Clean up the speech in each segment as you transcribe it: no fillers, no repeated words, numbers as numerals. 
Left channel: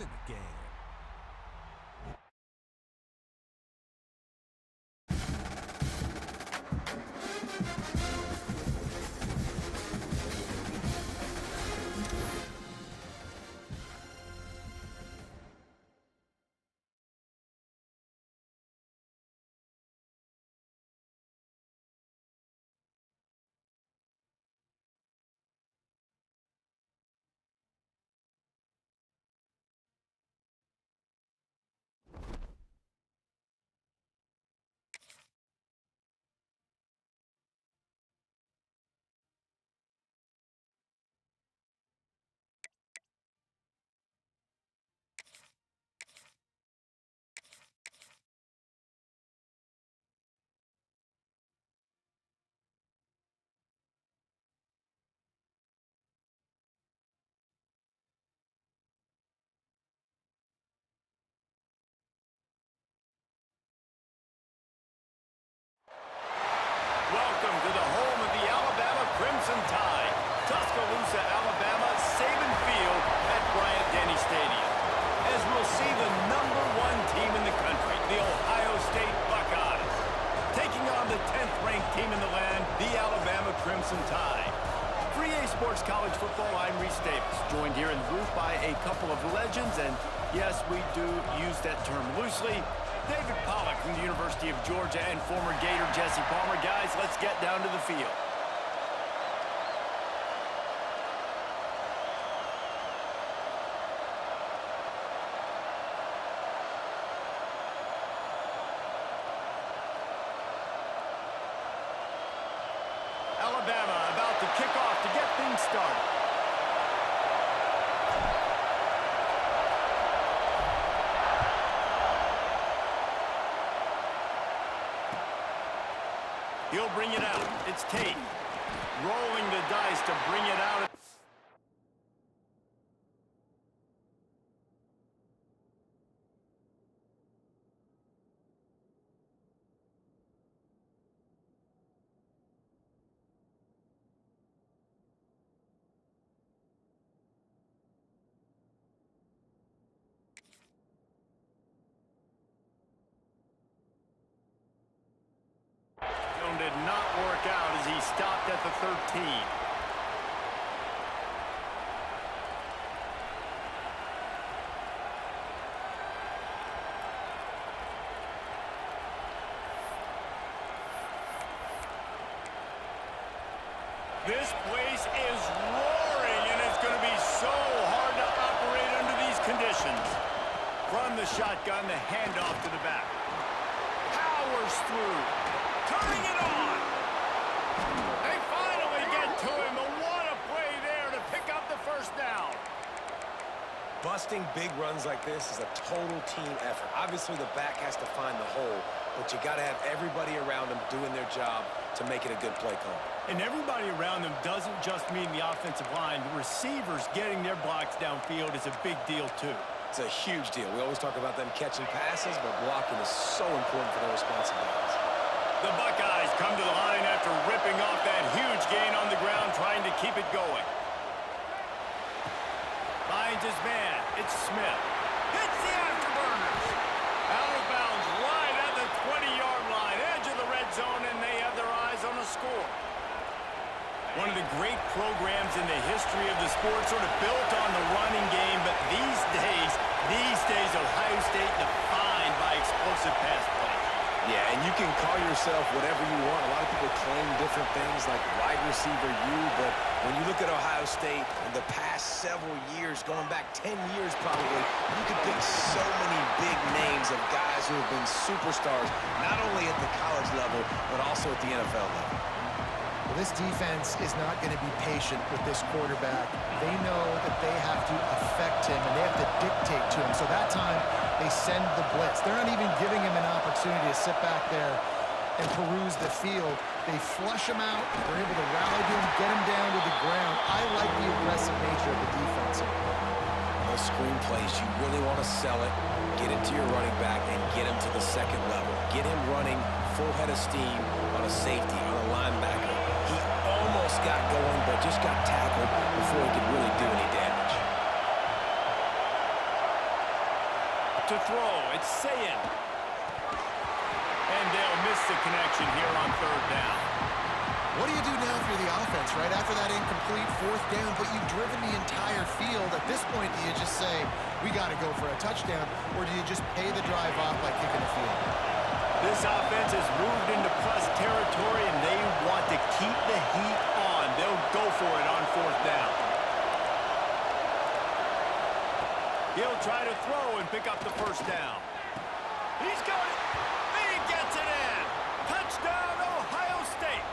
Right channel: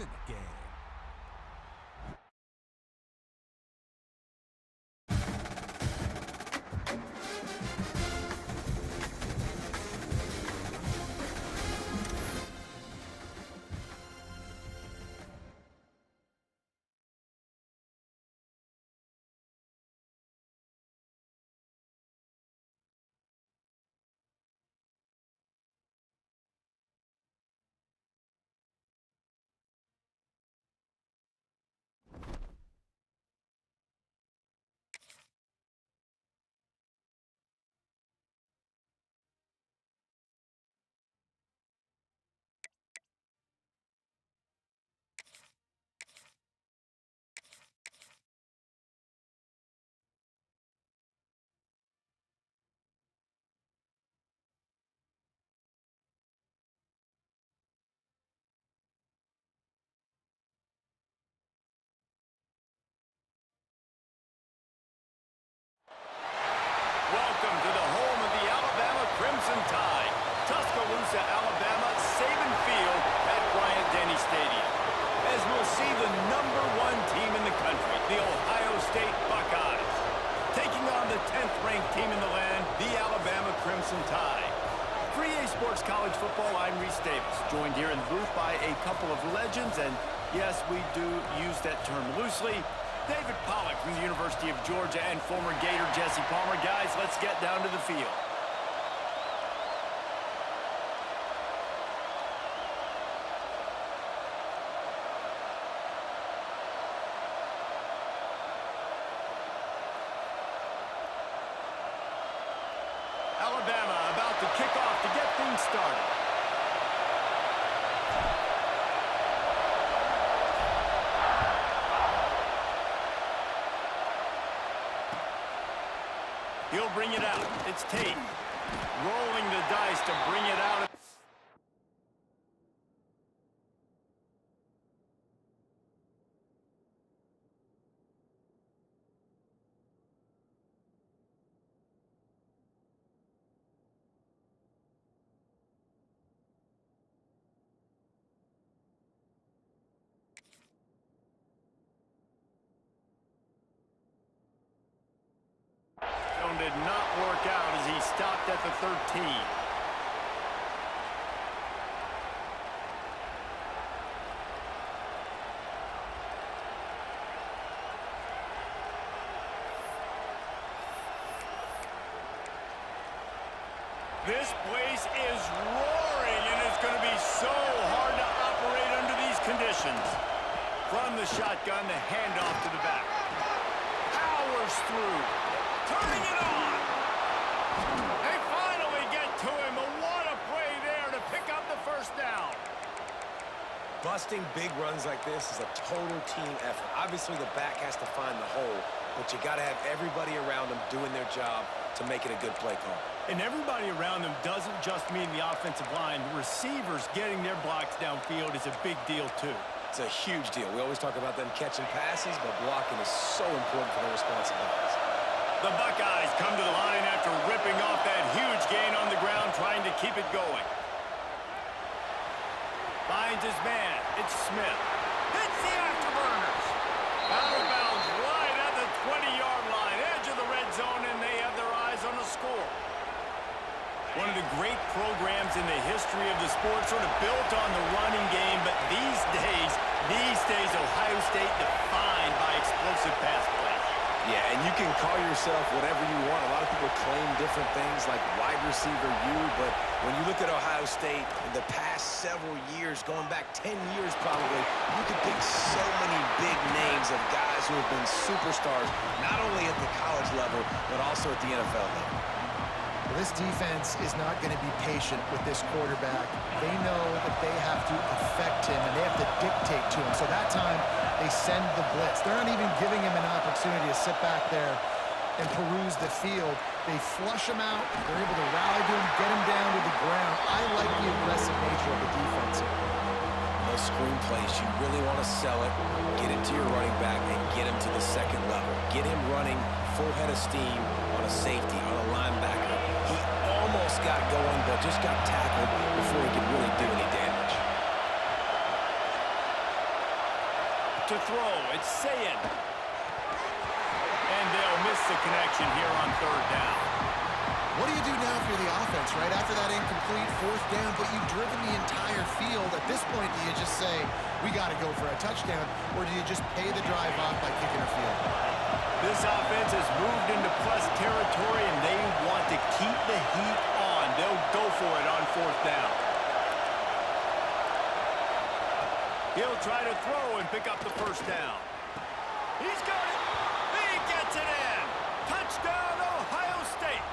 in the game. Welcome to the home of the Alabama Crimson Tide, Tuscaloosa, Alabama, Saban Field at Bryant-Denny Stadium. As we'll see the #1 team in the country, the Ohio State Buckeyes, taking on the 10th-ranked team in the land, the Alabama Crimson Tide. For EA Sports College Football, I'm Reese Davis, joined here in the booth by a couple of legends, and yes, we do use that term loosely. David Pollack from the University of Georgia and former Gator Jesse Palmer. Guys, let's get down to the field. Alabama about to kick off to get things started. He'll bring it out. It's Tate. Rolling the dice to bring it out. Did not work out as he stopped at the 13. This place is roaring, and it's going to be so hard to operate under these conditions. From the shotgun, the handoff to the back. Powers through. Turning it on. They finally get to him, but what a play there to pick up the first down. Busting big runs like this is a total team effort. Obviously, the back has to find the hole, but you got to have everybody around them doing their job to make it a good play call. And everybody around them doesn't just mean the offensive line. The receivers getting their blocks downfield is a big deal, too. It's a huge deal. We always talk about them catching passes, but blocking is so important for their responsibilities. The Buckeyes come to the line after ripping off that huge gain on the ground, trying to keep it going. Finds his man. It's Smith. Hits the afterburners. Out of bounds right at the 20-yard line, edge of the red zone, and they have their eyes on a score. One of the great programs in the history of the sport, sort of built on the running game, but these days, Ohio State defined by explosive pass plays. Yeah, and you can call yourself whatever you want. A lot of people claim different things like wide receiver U, but when you look at Ohio State in the past several years, going back 10 years probably, you could pick so many big names of guys who have been superstars, not only at the college level, but also at the NFL level. Well, this defense is not going to be patient with this quarterback. They know that they have to affect him, and they have to dictate to him. So that time, they send the blitz. They're not even giving him an opportunity to sit back there and peruse the field. They flush him out. They're able to rally to him, get him down to the ground. I like the aggressive nature of the defense here. Those screen plays, you really want to sell it, get it to your running back, and get him to the second level. Get him running full head of steam on a safety, on a linebacker. He almost got going, but just got tackled before he could really do any damage. to throw. It's Sayin. And they'll miss the connection here on third down. What do you do now if you're the offense, right? After that incomplete fourth down, but you've driven the entire field. At this point, do you just say, we got to go for a touchdown, or do you just pay the drive off by kicking a field goal? This offense has moved into plus territory, and they want to keep the heat on. They'll go for it on fourth down. He'll try to throw and pick up the first down. He's got it. He gets it in. Touchdown, Ohio State.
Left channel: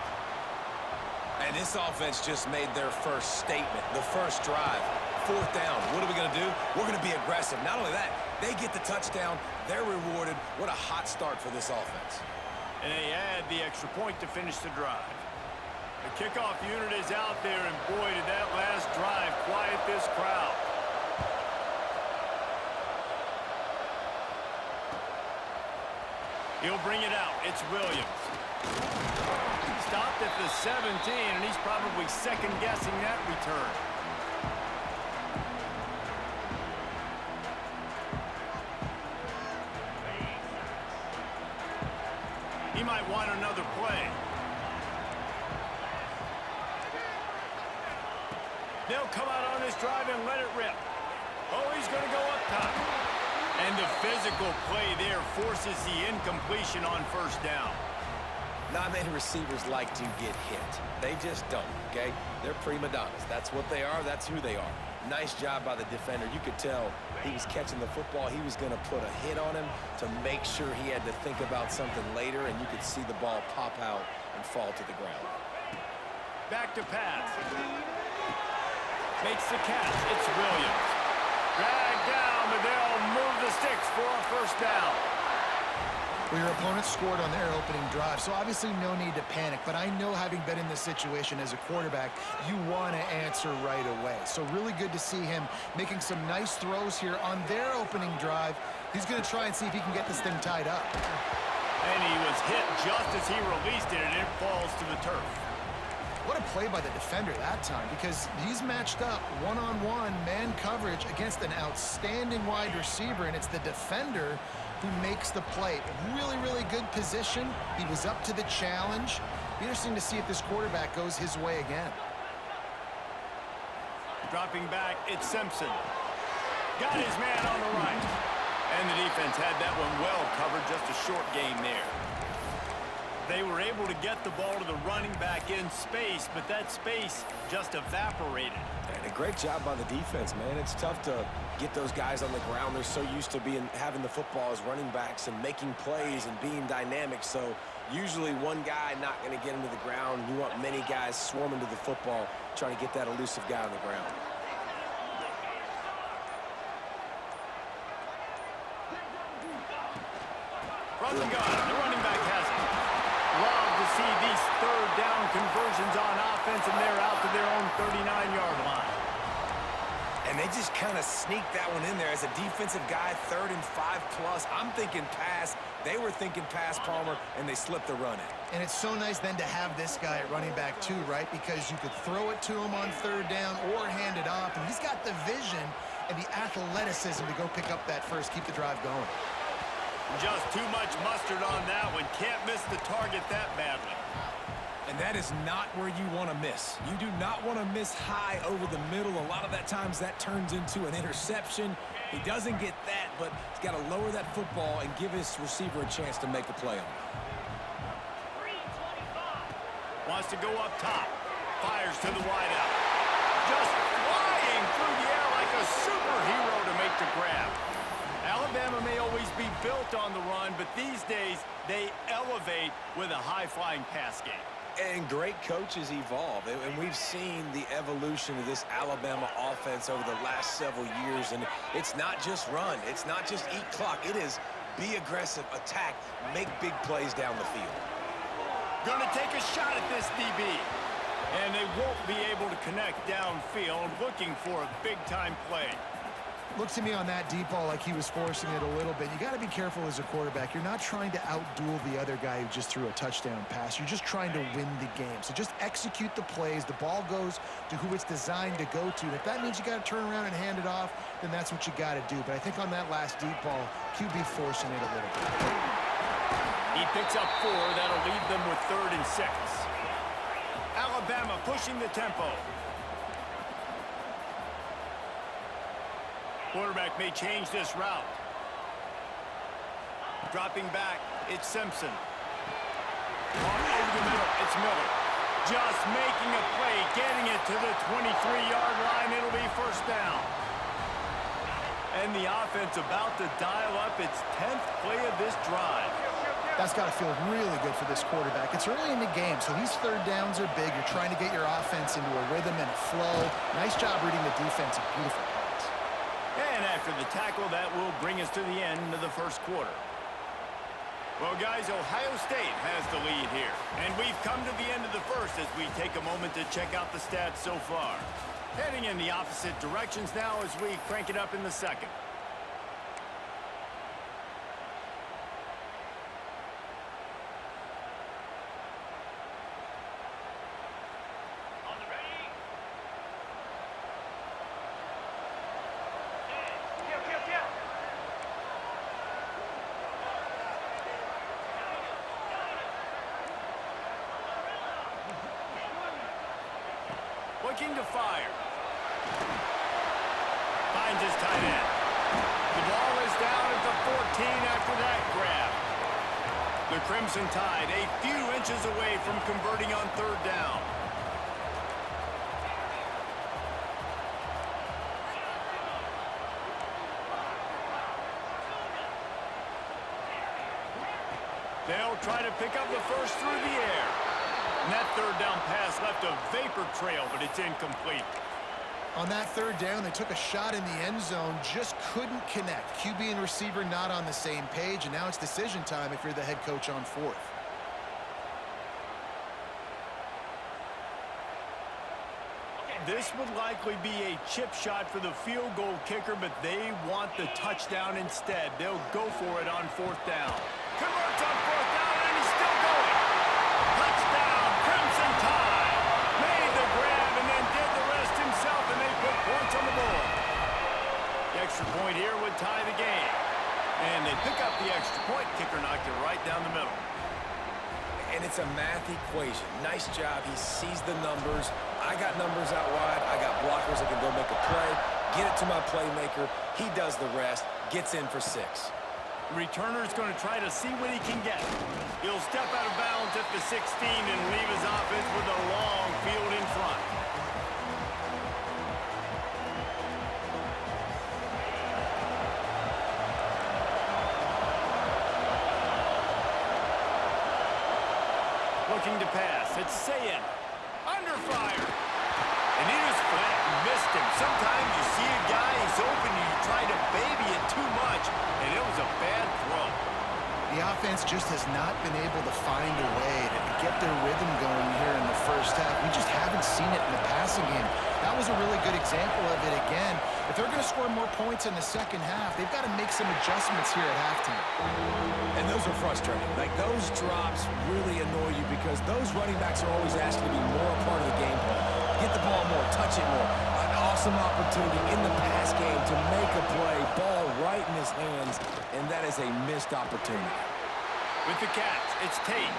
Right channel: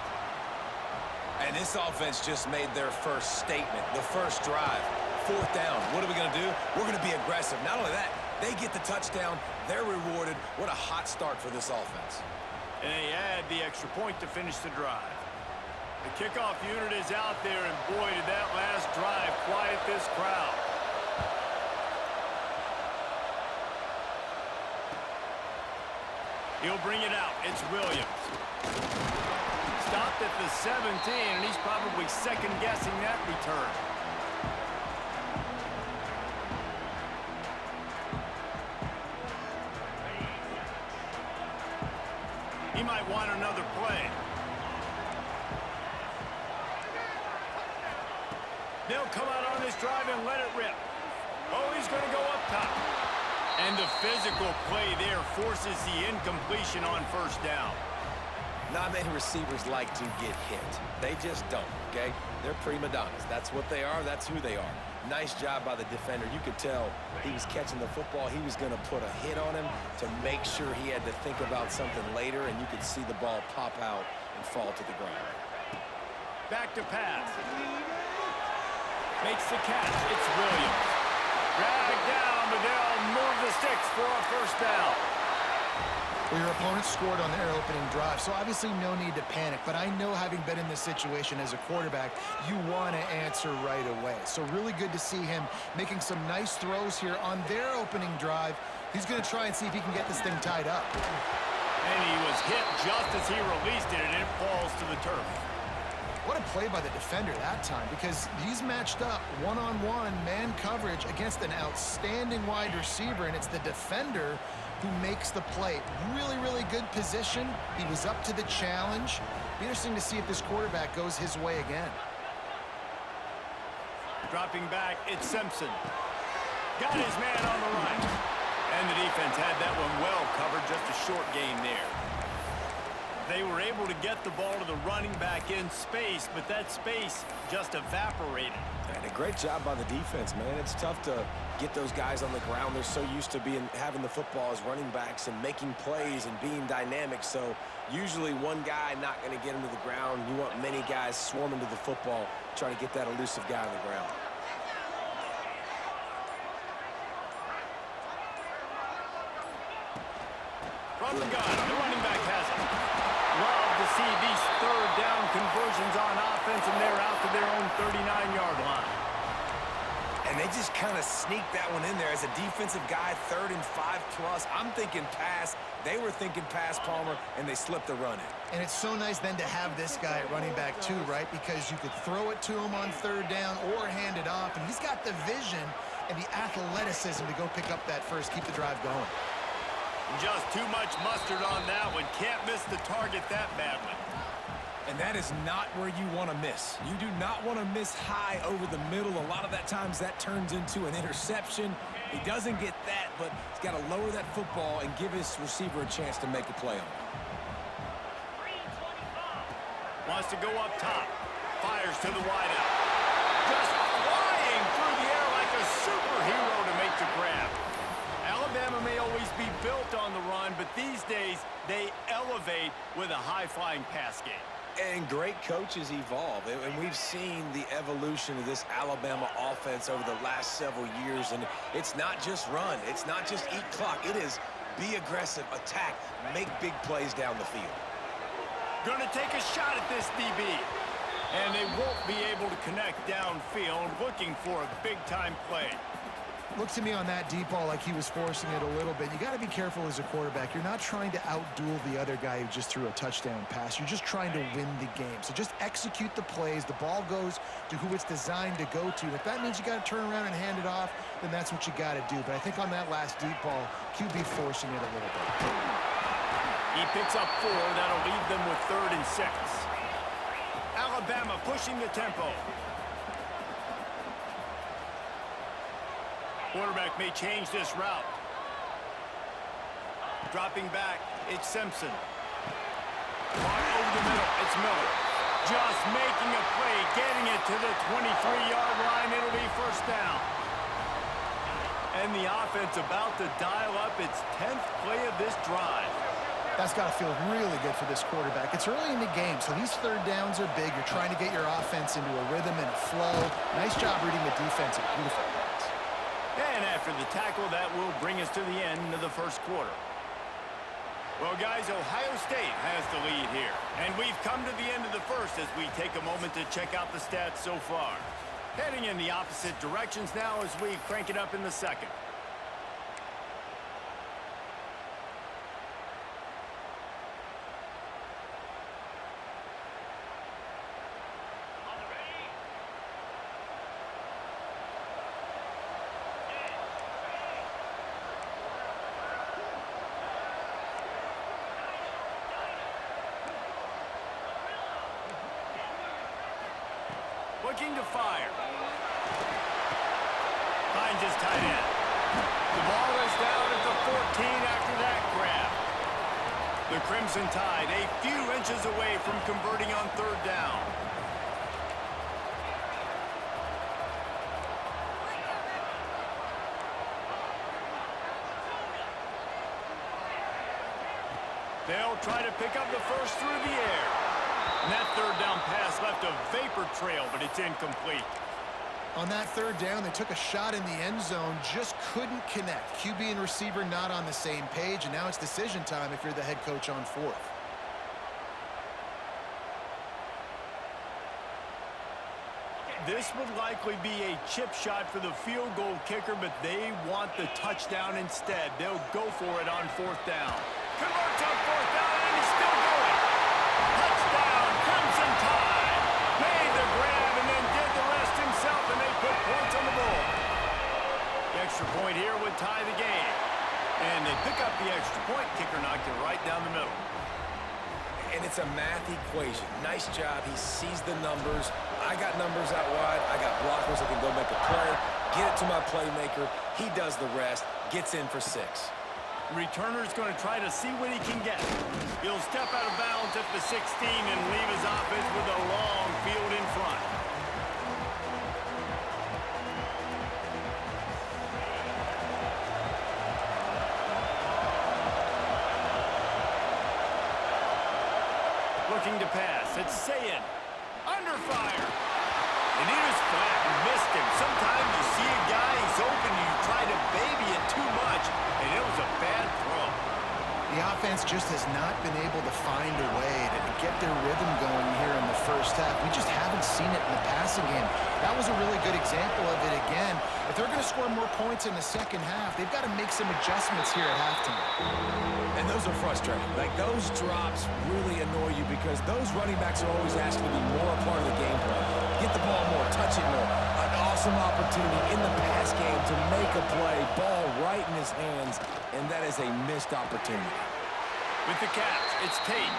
And this offense just made their first statement, the first drive. Fourth down. What are we going to do? We're going to be aggressive. Not only that, they get the touchdown. They're rewarded. What a hot start for this offense. And they add the extra point to finish the drive. The kickoff unit is out there, and boy, did that last drive quiet this crowd. He'll bring it out. It's Williams. Stopped at the 17, and he's probably second-guessing that return. He might want another play. They'll come out on this drive and let it rip. Oh, he's going to go up top. And the physical play there forces the incompletion on first down. Not many receivers like to get hit. They just don't, okay? They're prima donnas. That's what they are. That's who they are. Nice job by the defender. You could tell he was catching the football. He was going to put a hit on him to make sure he had to think about something later, and you could see the ball pop out and fall to the ground. Back to pass. Makes the catch. It's Williams. Dragged down, but they'll move the sticks for a first down. Well, your opponent scored on their opening drive, so obviously no need to panic. But I know, having been in this situation as a quarterback, you want to answer right away. So really good to see him making some nice throws here on their opening drive. He's going to try and see if he can get this thing tied up. And he was hit just as he released it, and it falls to the turf. What a play by the defender that time, because he's matched up one-on-one man coverage against an outstanding wide receiver, and it's the defender who makes the play. Really, really good position. He was up to the challenge. Be interesting to see if this quarterback goes his way again. Dropping back, it's Simpson. Got his man on the right. And the defense had that one well covered, just a short gain there. They were able to get the ball to the running back in space, but that space just evaporated. And a great job by the defense, man. It's tough to get those guys on the ground. They're so used to having the football as running backs and making plays and being dynamic. So usually one guy not going to get him to the ground. You want many guys swarming to the football, trying to get that elusive guy on the ground. From the gun, the running back has it. Love to see these third down conversions on offense, and they're out to their own 39-yard line. And they just kind of sneaked that one in there as a defensive guy, 3rd and 5+. I'm thinking pass. They were thinking pass, Palmer, and they slipped the run in. And it's so nice then to have this guy at running back too, right? Because you could throw it to him on third down or hand it off, and he's got the vision and the athleticism to go pick up that first, keep the drive going. Just too much mustard on that one. Can't miss the target that badly. And that is not where you want to miss. You do not want to miss high over the middle. A lot of that times that turns into an interception. He doesn't get that, but he's got to lower that football and give his receiver a chance to make a play on it. Wants to go up top. Fires to the wideout. Just flying through the air like a superhero to make the grab. Alabama may always be built on the run, but these days they elevate with a high-flying pass game. And great coaches evolve, and we've seen the evolution of this Alabama offense over the last several years, and it's not just run, it's not just eat clock, it is be aggressive, attack, make big plays down the field. Gonna take a shot at this DB, and they won't be able to connect downfield, looking for a big-time play. Looked to me on that deep ball like he was forcing it a little bit. You got to be careful as a quarterback. You're not trying to outduel the other guy who just threw a touchdown pass. You're just trying to win the game. So just execute the plays. The ball goes to who it's designed to go to. And if that means you got to turn around and hand it off, then that's what you got to do. But I think on that last deep ball, QB forcing it a little bit. He picks up 4. That'll leave them with 3rd and 6. Alabama pushing the tempo. Quarterback may change this route. Dropping back, it's Simpson. Caught over the middle, it's Miller. Just making a play, getting it to the 23-yard line. It'll be 1st down. And the offense about to dial up its 10th play of this drive. That's got to feel really good for this quarterback. It's early in the game, so these 3rd downs are big. You're trying to get your offense into a rhythm and a flow. Nice job reading the defense. A beautiful pass. And after the tackle, that will bring us to the end of the 1st quarter. Well, guys, Ohio State has the lead here. And we've come to the end of the 1st as we take a moment to check out the stats so far. Heading in the opposite directions now as we crank it up in the 2nd. Looking to fire. Finds his tight end. The ball is down at the 14 after that grab. The Crimson Tide a few inches away from converting on 3rd down. They'll try to pick up the 1st through the air. And that 3rd down pass left a vapor trail, but it's incomplete. On that 3rd down, they took a shot in the end zone, just couldn't connect. QB and receiver not on the same page, and now it's decision time if you're the head coach on 4th. This would likely be a chip shot for the field goal kicker, but they want the touchdown instead. They'll go for it on 4th down. Converts on 4th down, and he's still going. Touchdown, Crimson Tide. Made the grab and then did the rest himself, and they put points on the board. The extra point here would tie the game. And they pick up the extra point. Kicker knocked it right down the middle. And it's a math equation. Nice job. He sees the numbers. I got numbers out wide. I got blockers that can go make a play. Get it to my playmaker. He does the rest. Gets in for 6. Returner's going to try to see what he can get. He'll step out of bounds at the 16 and leave his offense with a long field in front. Looking to pass. It's Sayin. Under fire. And he was flat and missed him. Sometimes you see a guy, he's open, and you try to baby it too much, and it was a bad throw. The offense just has not been able to find a way to get their rhythm going here in the 1st half. We just haven't seen it in the passing game. That was a really good example of it again. If they're going to score more points in the 2nd half, they've got to make some adjustments here at halftime. And those are frustrating. Like, those drops really annoy you because those running backs are always asked to be more a part of the game plan. Get the ball more, touch it more. An awesome opportunity in the pass game to make a play, ball right in his hands, and that is a missed opportunity. With the catch, it's Tate.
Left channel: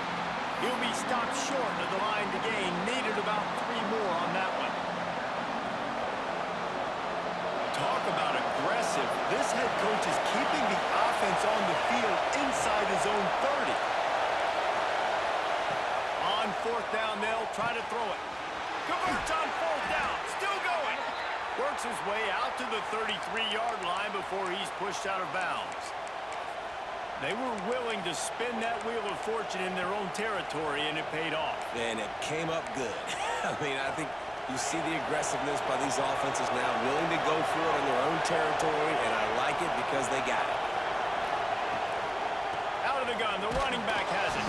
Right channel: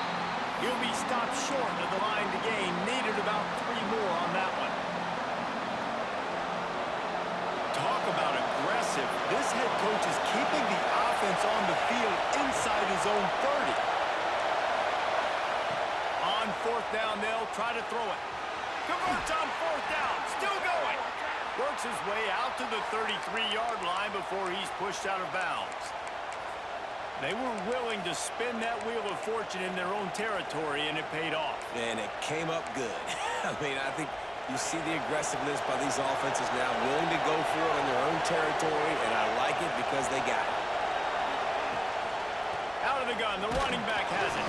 He'll be stopped short of the line to gain. Needed about 3 more on that one. Talk about aggressive. This head coach is keeping the offense on the field inside his own 30. On 4th down, they'll try to throw it. Converts on 4th down, still going. Works his way out to the 33-yard line before he's pushed out of bounds. They were willing to spin that wheel of fortune in their own territory, and it paid off. And it came up good. I mean, I think you see the aggressiveness by these offenses now, willing to go for it in their own territory, and I like it because they got it. Out of the gun, the running back has it.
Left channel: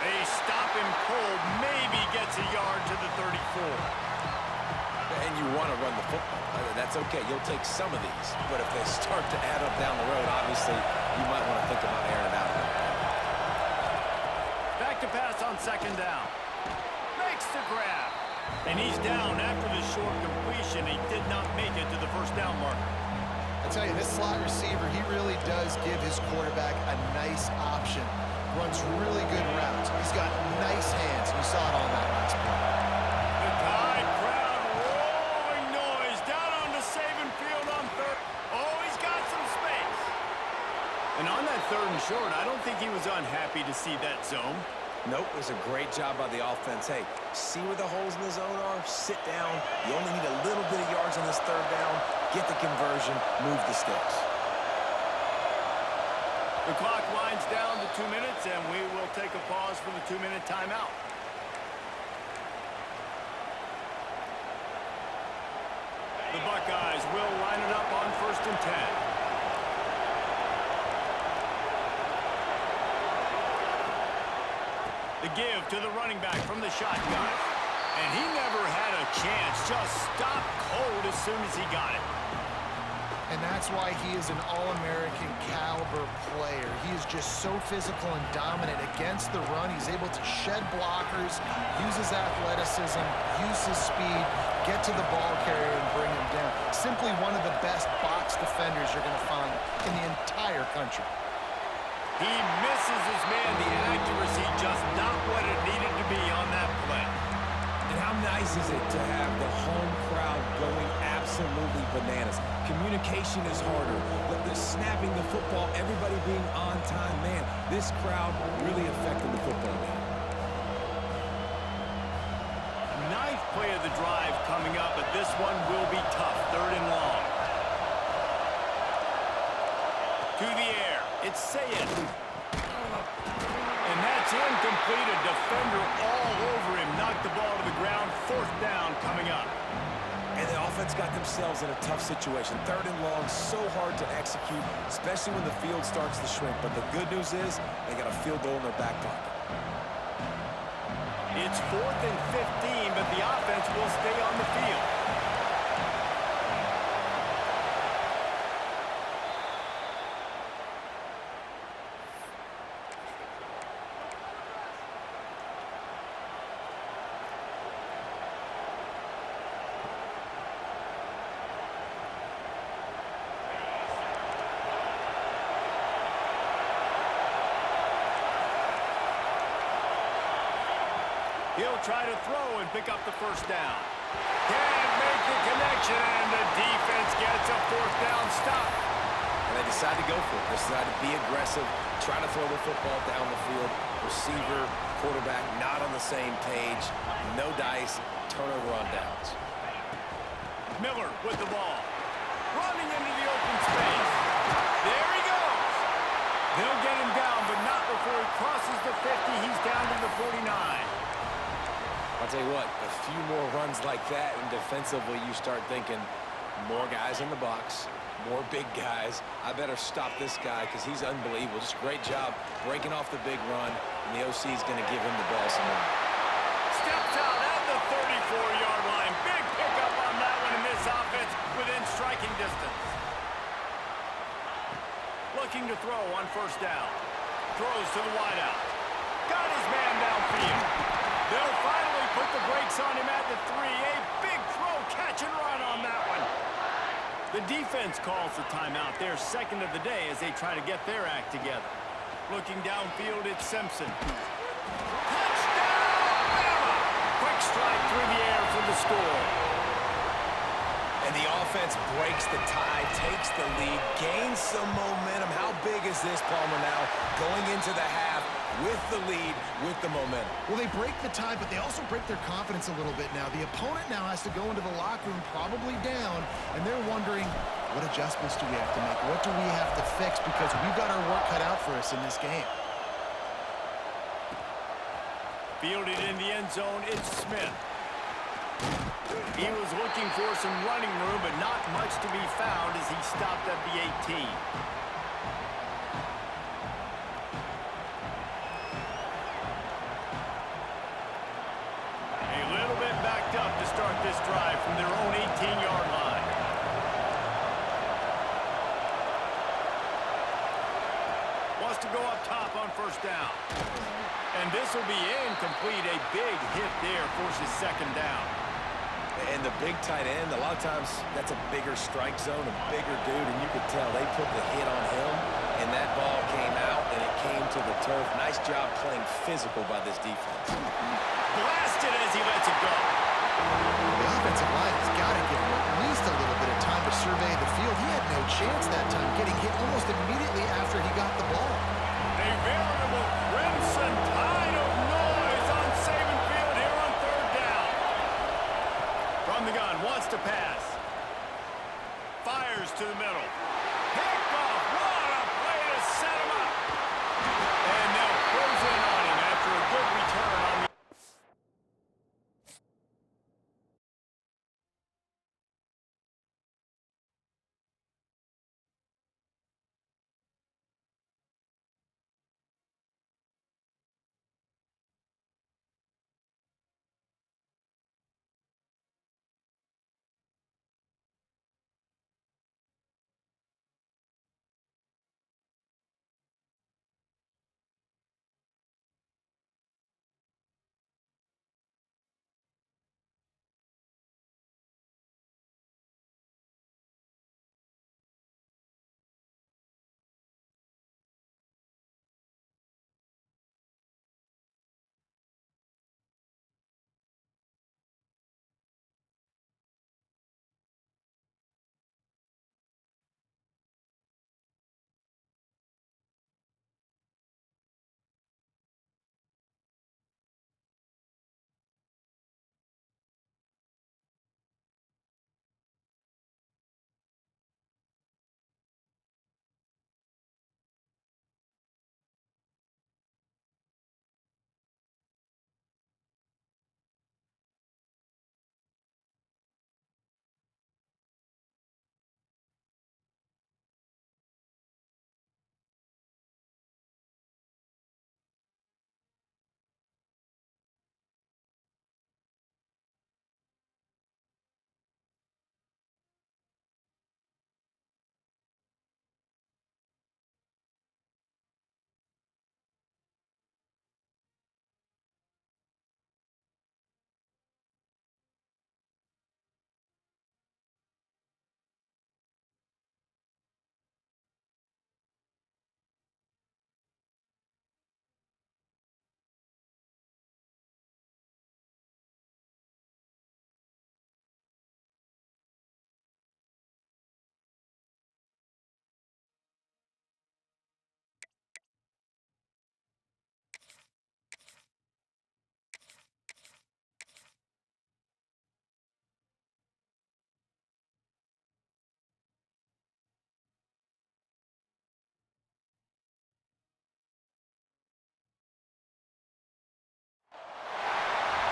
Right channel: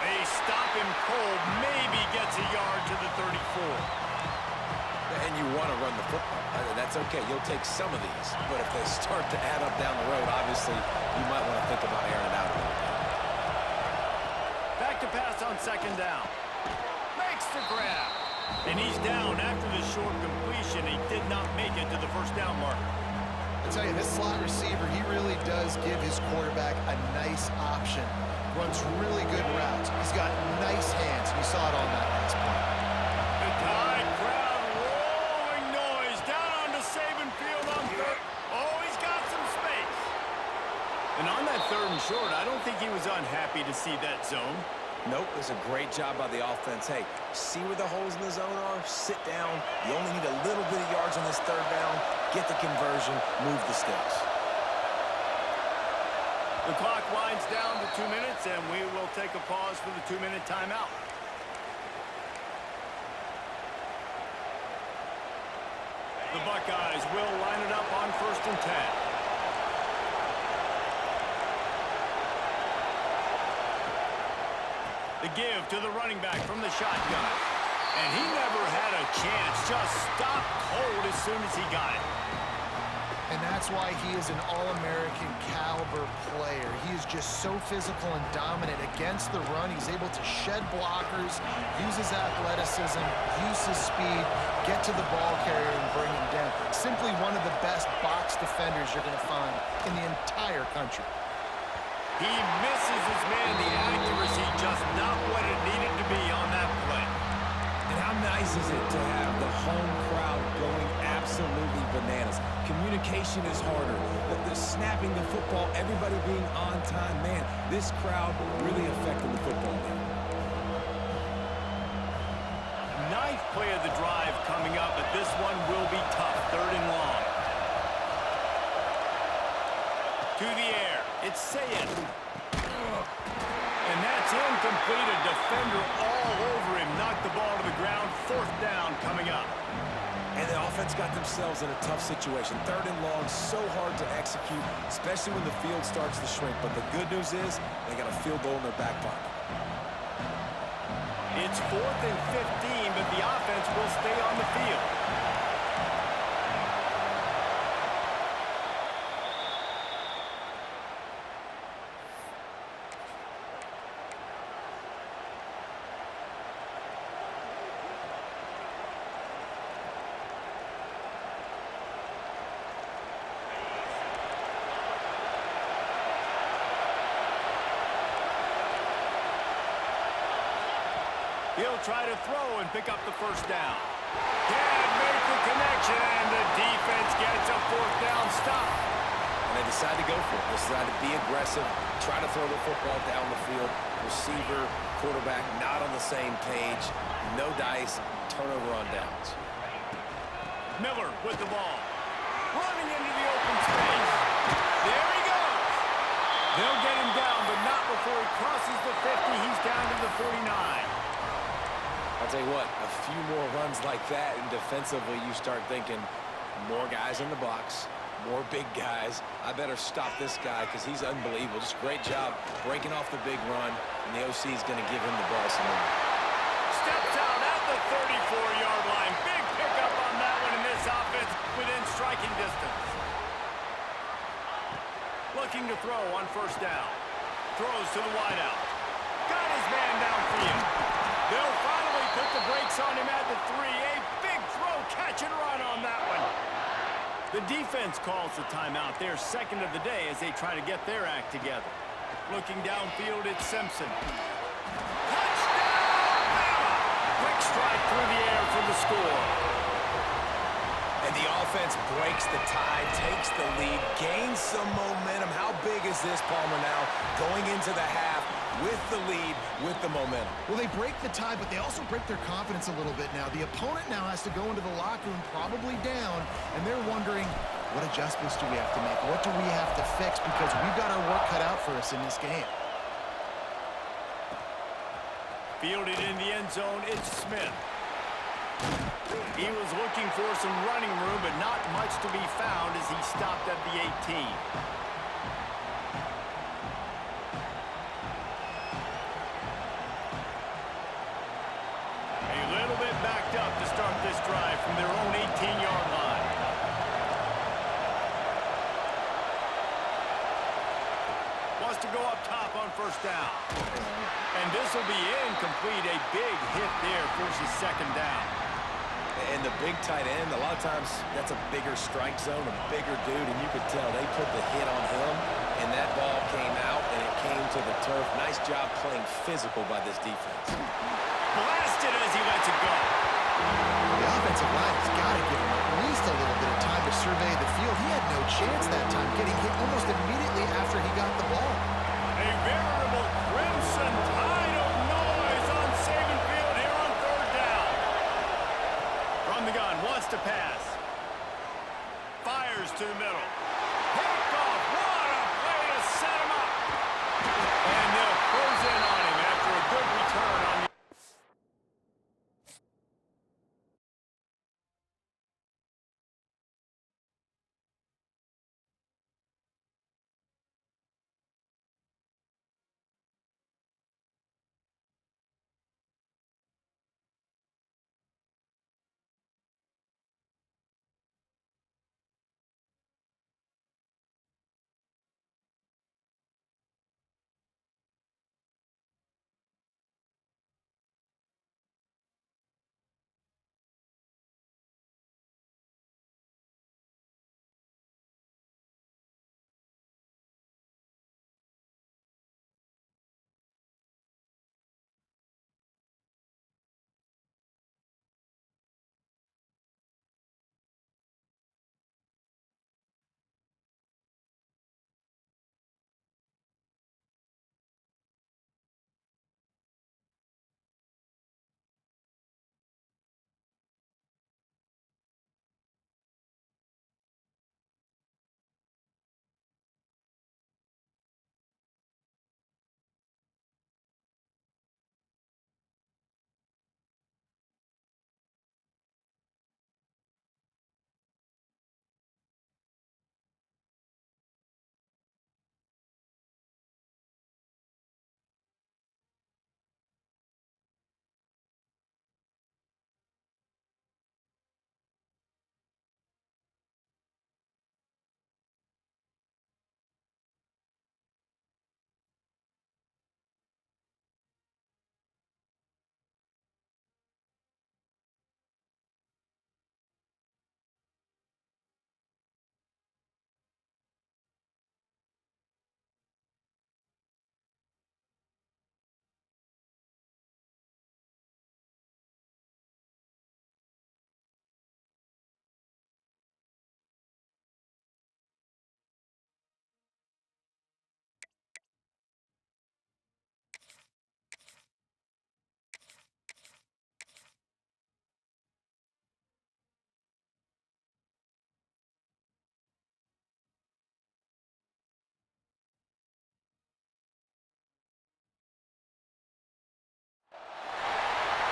They stop him cold, maybe gets a yard to the 34. The And you want to run the football. That's okay. You'll take some of these. But if they start to add up down the road, obviously, you might want to think about airing it out a little bit. Back to pass on second down. Makes the grab. And he's down after the short completion. He did not make it to the first down marker. I tell you, this slot receiver, he really does give his quarterback a nice option. Runs really good routes. He's got nice hands. You saw it on that last play. The Tide crowd rolling noise down onto Saban Field on third. Oh, he's got some space. And on that third and short, I don't think he was unhappy to see that zone. Nope, it was a great job by the offense. Hey, see where the holes in the zone are? Sit down. You only need a little bit of yards on this third down. Get the conversion, move the sticks. The clock winds down to 2 minutes, and we will take a pause for the 2-minute timeout. The Buckeyes will line it up on 1st and 10. The give to the running back from the shotgun. And he never had a chance. Just stopped cold as soon as he got it. And that's why he is an All-American caliber player. He is just so physical and dominant against the run. He's able to shed blockers, use his athleticism, use his speed, get to the ball carrier and bring him down. Simply one of the best box defenders you're going to find in the entire country. He misses his man. The accuracy just not what it needed to be on that play. And how nice is it to have the home crowd going absolutely bananas? Communication is harder. The snapping the football, everybody being on time. Man, this crowd really affected the football game. Ninth play of the drive coming up, but this one will be tough. 3rd and long. To the air. It's Sayed. And that's incomplete. A defender all over him. Knocked the ball to the ground. 4th down coming up. And the offense got themselves in a tough situation. 3rd and long, so hard to execute, especially when the field starts to shrink. But the good news is they got a field goal in their back pocket. It's 4th and 15, but the offense will stay on the field. He'll try to throw and pick up the first down. Can't make the connection, and the defense gets a 4th down stop. And they decide to go for it. They decide to be aggressive, try to throw the football down the field. Receiver, quarterback not on the same page. No dice, turnover on downs. Miller with the ball. Running into the open space. There he goes. They'll get him down, but not before he crosses the 50. He's down to the 49. I'll tell you what, a few more runs like that, and defensively you start thinking more guys in the box, more big guys. I better stop this guy because he's unbelievable. Just a great job breaking off the big run, and the OC is going to give him the ball some more. Steps out at the 34-yard line. Big pickup on that one in this offense within striking distance. Looking to throw on 1st down. Throws to the wideout. Got his man downfield. They'll finally put the brakes on him at the 3. A big throw, catch and run on that one. The defense calls the timeout. Their 2nd of the day as they try to get their act together. Looking downfield, it's Simpson. Touchdown, Bama! Quick strike through the air for the score. And the offense breaks the tie, takes the lead, gains some momentum. How big is this, Palmer, now going into the half with the lead, with the momentum? Well, they break the tie, but they also break their confidence a little bit now. The opponent now has to go into the locker room probably down, and they're wondering, what adjustments do we have to make? What do we have to fix? Because we've got our work cut out for us in this game. Fielded in the end zone, it's Smith. He was looking for some running room, but not much to be found as he stopped at the 18. A little bit backed up to start this drive from their own 18-yard line. Wants to go up top on first down. And this will be incomplete. A big hit there forces second down. And the big tight end, a lot of times that's a bigger strike zone, a bigger dude, and you could tell they put the hit on him, and that ball came out, and it came to the turf. Nice job playing physical by this defense. Blasted as he lets it go. The offensive line has got to give him at least a little bit of time to survey the field. He had no chance that time, getting hit almost immediately after he got the ball. A veritable crimson tide of noise on Saban Field here on third down. From the gun, wants to pass. Fires to the middle. Picked off. What a play to set him up. And they'll close in on him after a good return on the...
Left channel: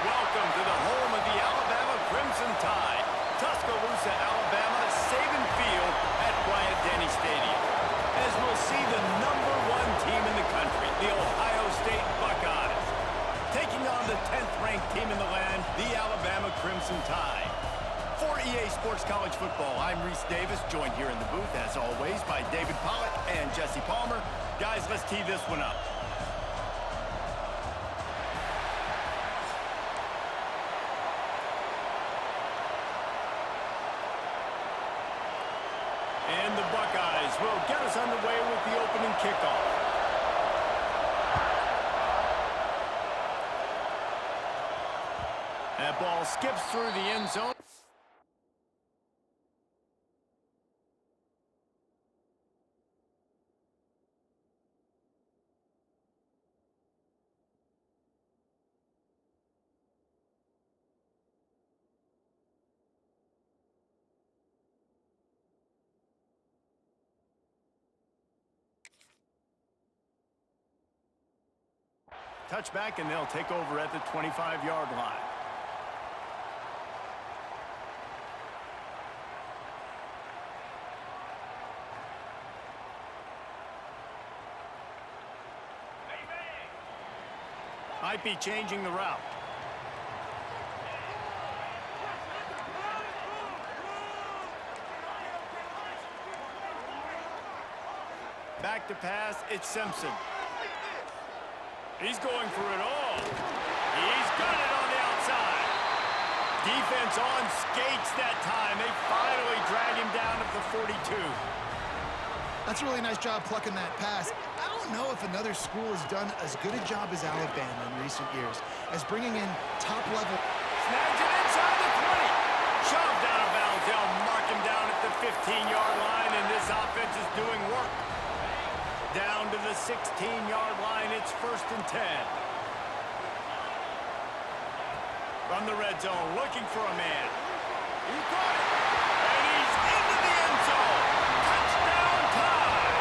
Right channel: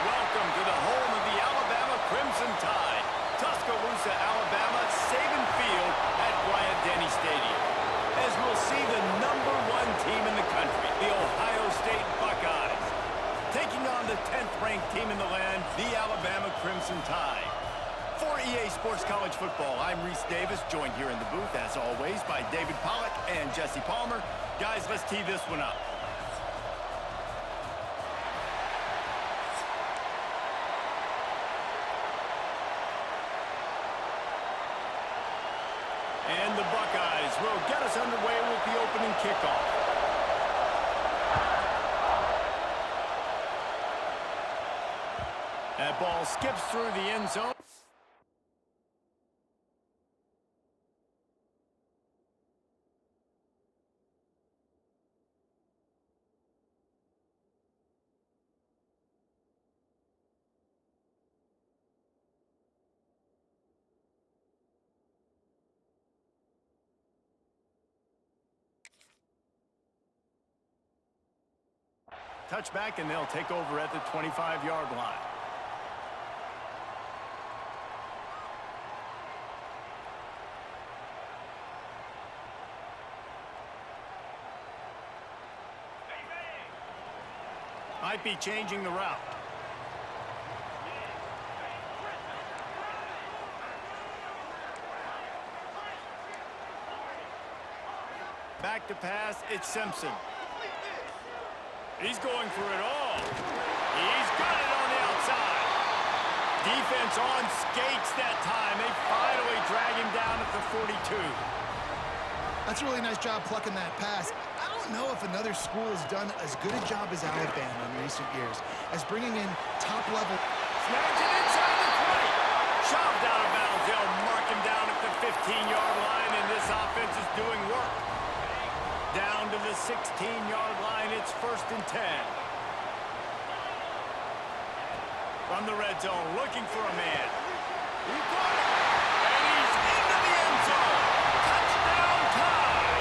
Welcome to the home of the Alabama Crimson Tide. Tuscaloosa, Alabama, Saban Field at Bryant-Denny Stadium. As we'll see the #1 team in the country, the Ohio State Buckeyes, taking on the 10th ranked team in the land, the Alabama Crimson Tide. For EA Sports College Football, I'm Reese Davis, joined here in the booth, as always, by David Pollack and Jesse Palmer. Guys, let's tee this one up. And the Buckeyes will get us underway with the opening kickoff. That ball skips through the end zone. Touchback, and they'll take over at the 25-yard line. Might be changing the route. Back to pass, it's Simpson. He's going for it all. He's got it on the outside. Defense on skates that time. They finally drag him down at the 42. That's a really nice job plucking that pass. I don't know if another school has done as good a job as Alabama in recent years as bringing in top-level. Snags it inside the 20. Shoved out of bounds. They'll mark him down at the 15-yard line, and this offense is doing work. Down to the 16-yard line. It's 1st and 10. From the red zone, looking for a man. He caught it, and he's into the end zone. Touchdown tie.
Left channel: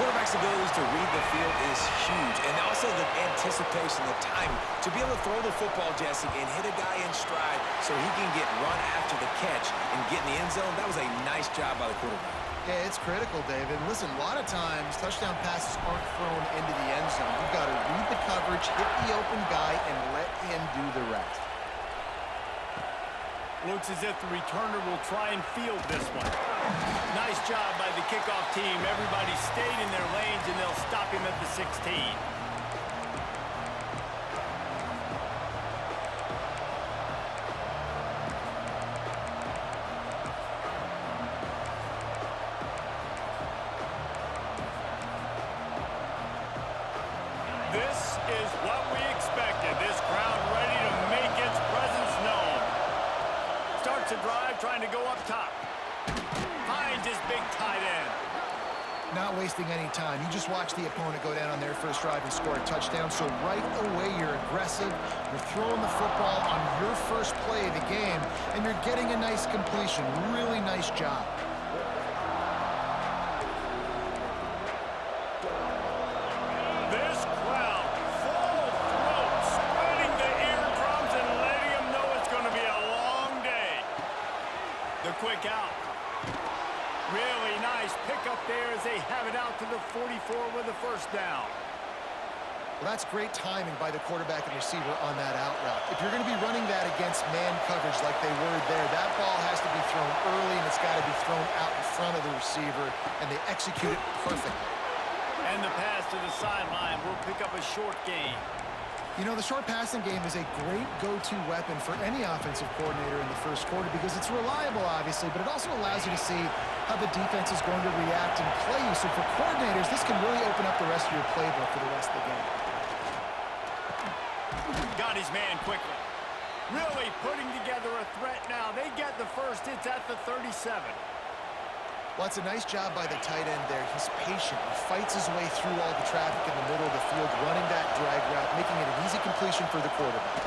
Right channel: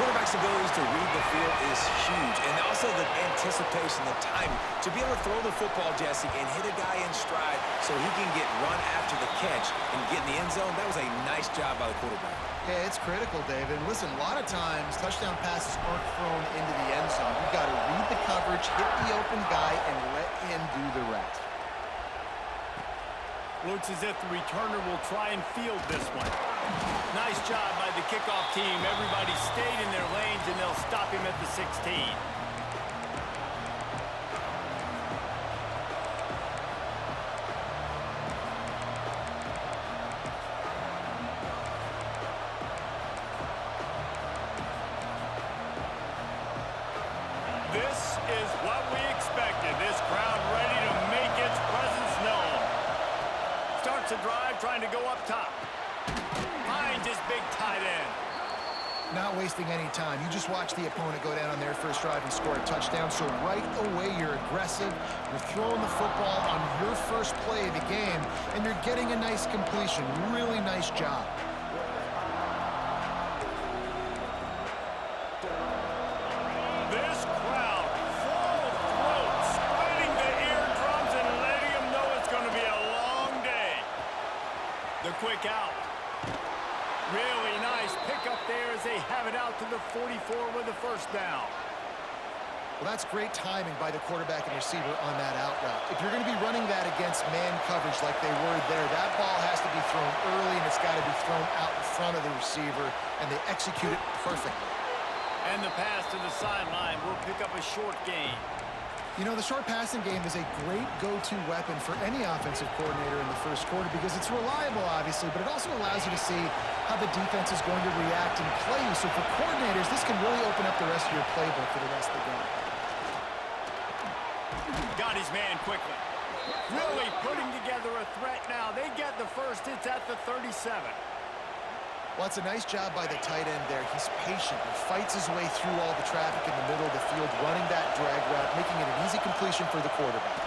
Quarterback's abilities to read the field is huge, and also the anticipation, the timing. To be able to throw the football, Jesse, and hit a guy in stride so he can get run after the catch and get in the end zone, that was a nice job by the quarterback. Yeah, it's critical, David. Listen, a lot of times, touchdown passes aren't thrown into the end zone. You've got to read the coverage, hit the open guy, and let him do the rest. Looks as if the returner will try and field this one. Nice job by the kickoff team. Everybody stayed in their lanes, and they'll stop him at the 16. This is what we expected. This crowd ready to make its presence known. Starts a drive trying to go up top. Finds his big tight end. Not wasting any time. You just watch the opponent go down on their first drive and score a touchdown. So right away, you're aggressive. You're throwing the football on your first play of the game, and you're getting a nice completion. Really nice job. This crowd, full throat, splitting the eardrums and letting them know it's going to be a long day. The quick out. Really nice pickup there as they have it out to the 44 with a first down. Well, that's great timing by the quarterback and receiver on that out route. If you're going to be running that against man coverage like they were there, that ball has to be thrown early, and it's got to be thrown out in front of the receiver, and they execute it perfectly. And the pass to the sideline will pick up a short gain. You know, the short passing game is a great go-to weapon for any offensive coordinator in the first quarter because it's reliable, obviously, but it also allows you to see how the defense is going to react and play you. So for coordinators, this can really open up the rest of your playbook for the rest of the game. Got his man quickly. Really putting together a threat now. They get the first. It's at the 37. Well, it's a nice job by the tight end there. He's patient. He fights his way through all the traffic in the middle of the field, running that drag route, making it an easy completion for the quarterback.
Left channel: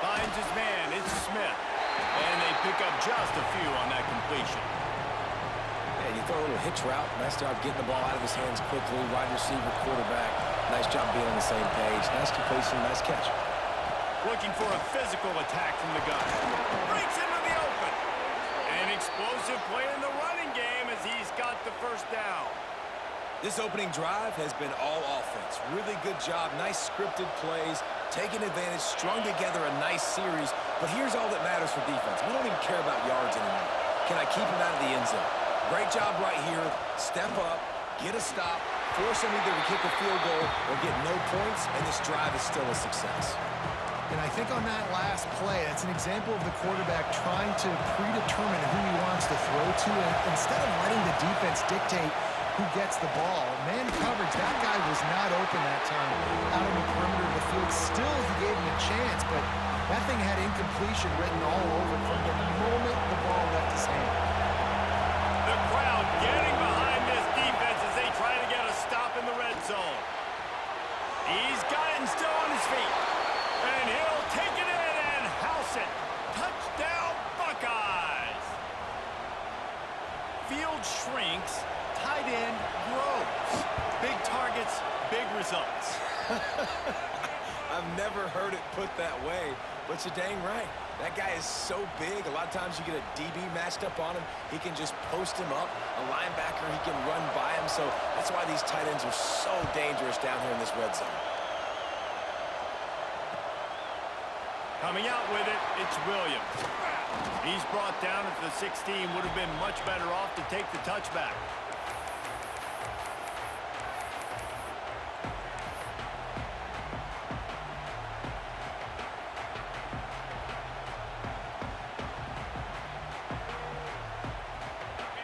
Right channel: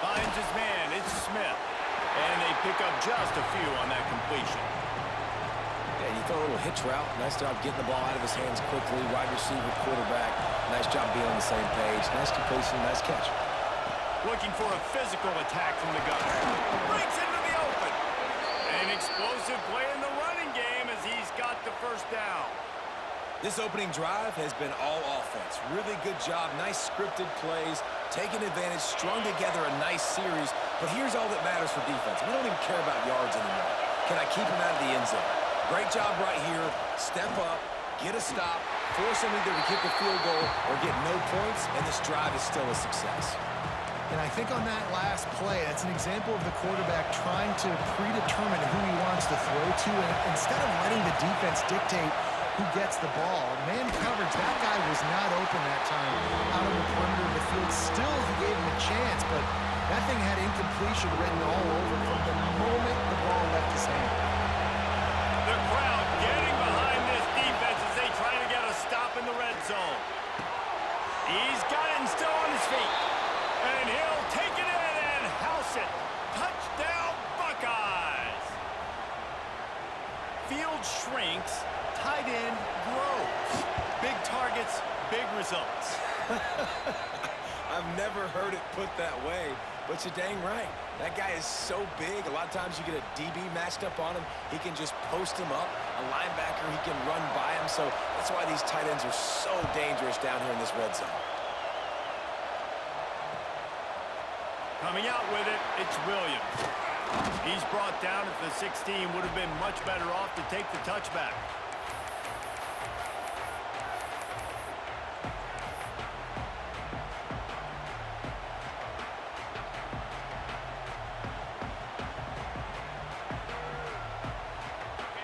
Finds his man. It's Smith. And they pick up just a few on that completion. Yeah, you throw a little hitch route. Nice job getting the ball out of his hands quickly. Wide receiver, quarterback. Nice job being on the same page. Nice completion, nice catch. Looking for a physical attack from the gun. Breaks into the open. An explosive play in the running game as he's got the first down. This opening drive has been all offense. Really good job. Nice scripted plays. Taking advantage. Strung together a nice series. But here's all that matters for defense. We don't even care about yards anymore. Can I keep him out of the end zone? Great job right here. Step up. Get a stop. Force him either to kick a field goal or get no points. And this drive is still a success. And I think on that last play, that's an example of the quarterback trying to predetermine who he wants to throw to, and instead of letting the defense dictate who gets the ball. Man coverage, that guy was not open that time out on the perimeter of the field. Still, he gave him a chance, but that thing had incompletion written all over from the moment the ball left his hand. The crowd getting behind this defense as they try to get a stop in the red zone. He's got it and still on his feet. And he'll take it in and house it. Touchdown, Buckeyes. Field shrinks, tight end grows. Big targets, big results. I've never heard it put that way, but you're dang right. That guy is so big. A lot of times you get a DB matched up on him. He can just post him up. A linebacker, he can run by him. So that's why these tight ends are so dangerous down here in this red zone. Coming out with it, it's Williams. He's brought down at the 16. Would have been much better off to take the touchback.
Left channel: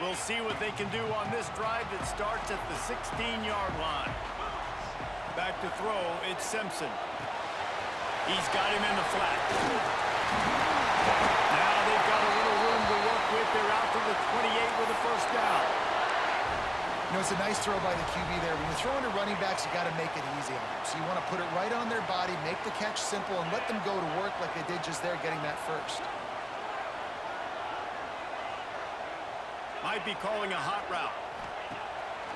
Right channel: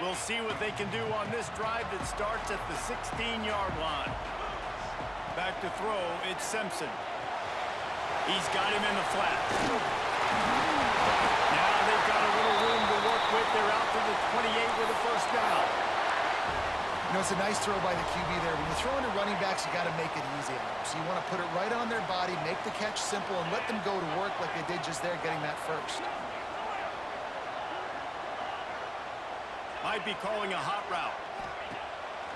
We'll see what they can do on this drive that starts at the 16-yard line. Back to throw, it's Simpson. He's got him in the flat. Now they've got a little room to work with. They're out to the 28 with a first down. You know, it's a nice throw by the QB there. When you're throwing to running backs, you got to make it easy on them. So you want to put it right on their body, make the catch simple, and let them go to work like they did just there, getting that first. Might be calling a hot route.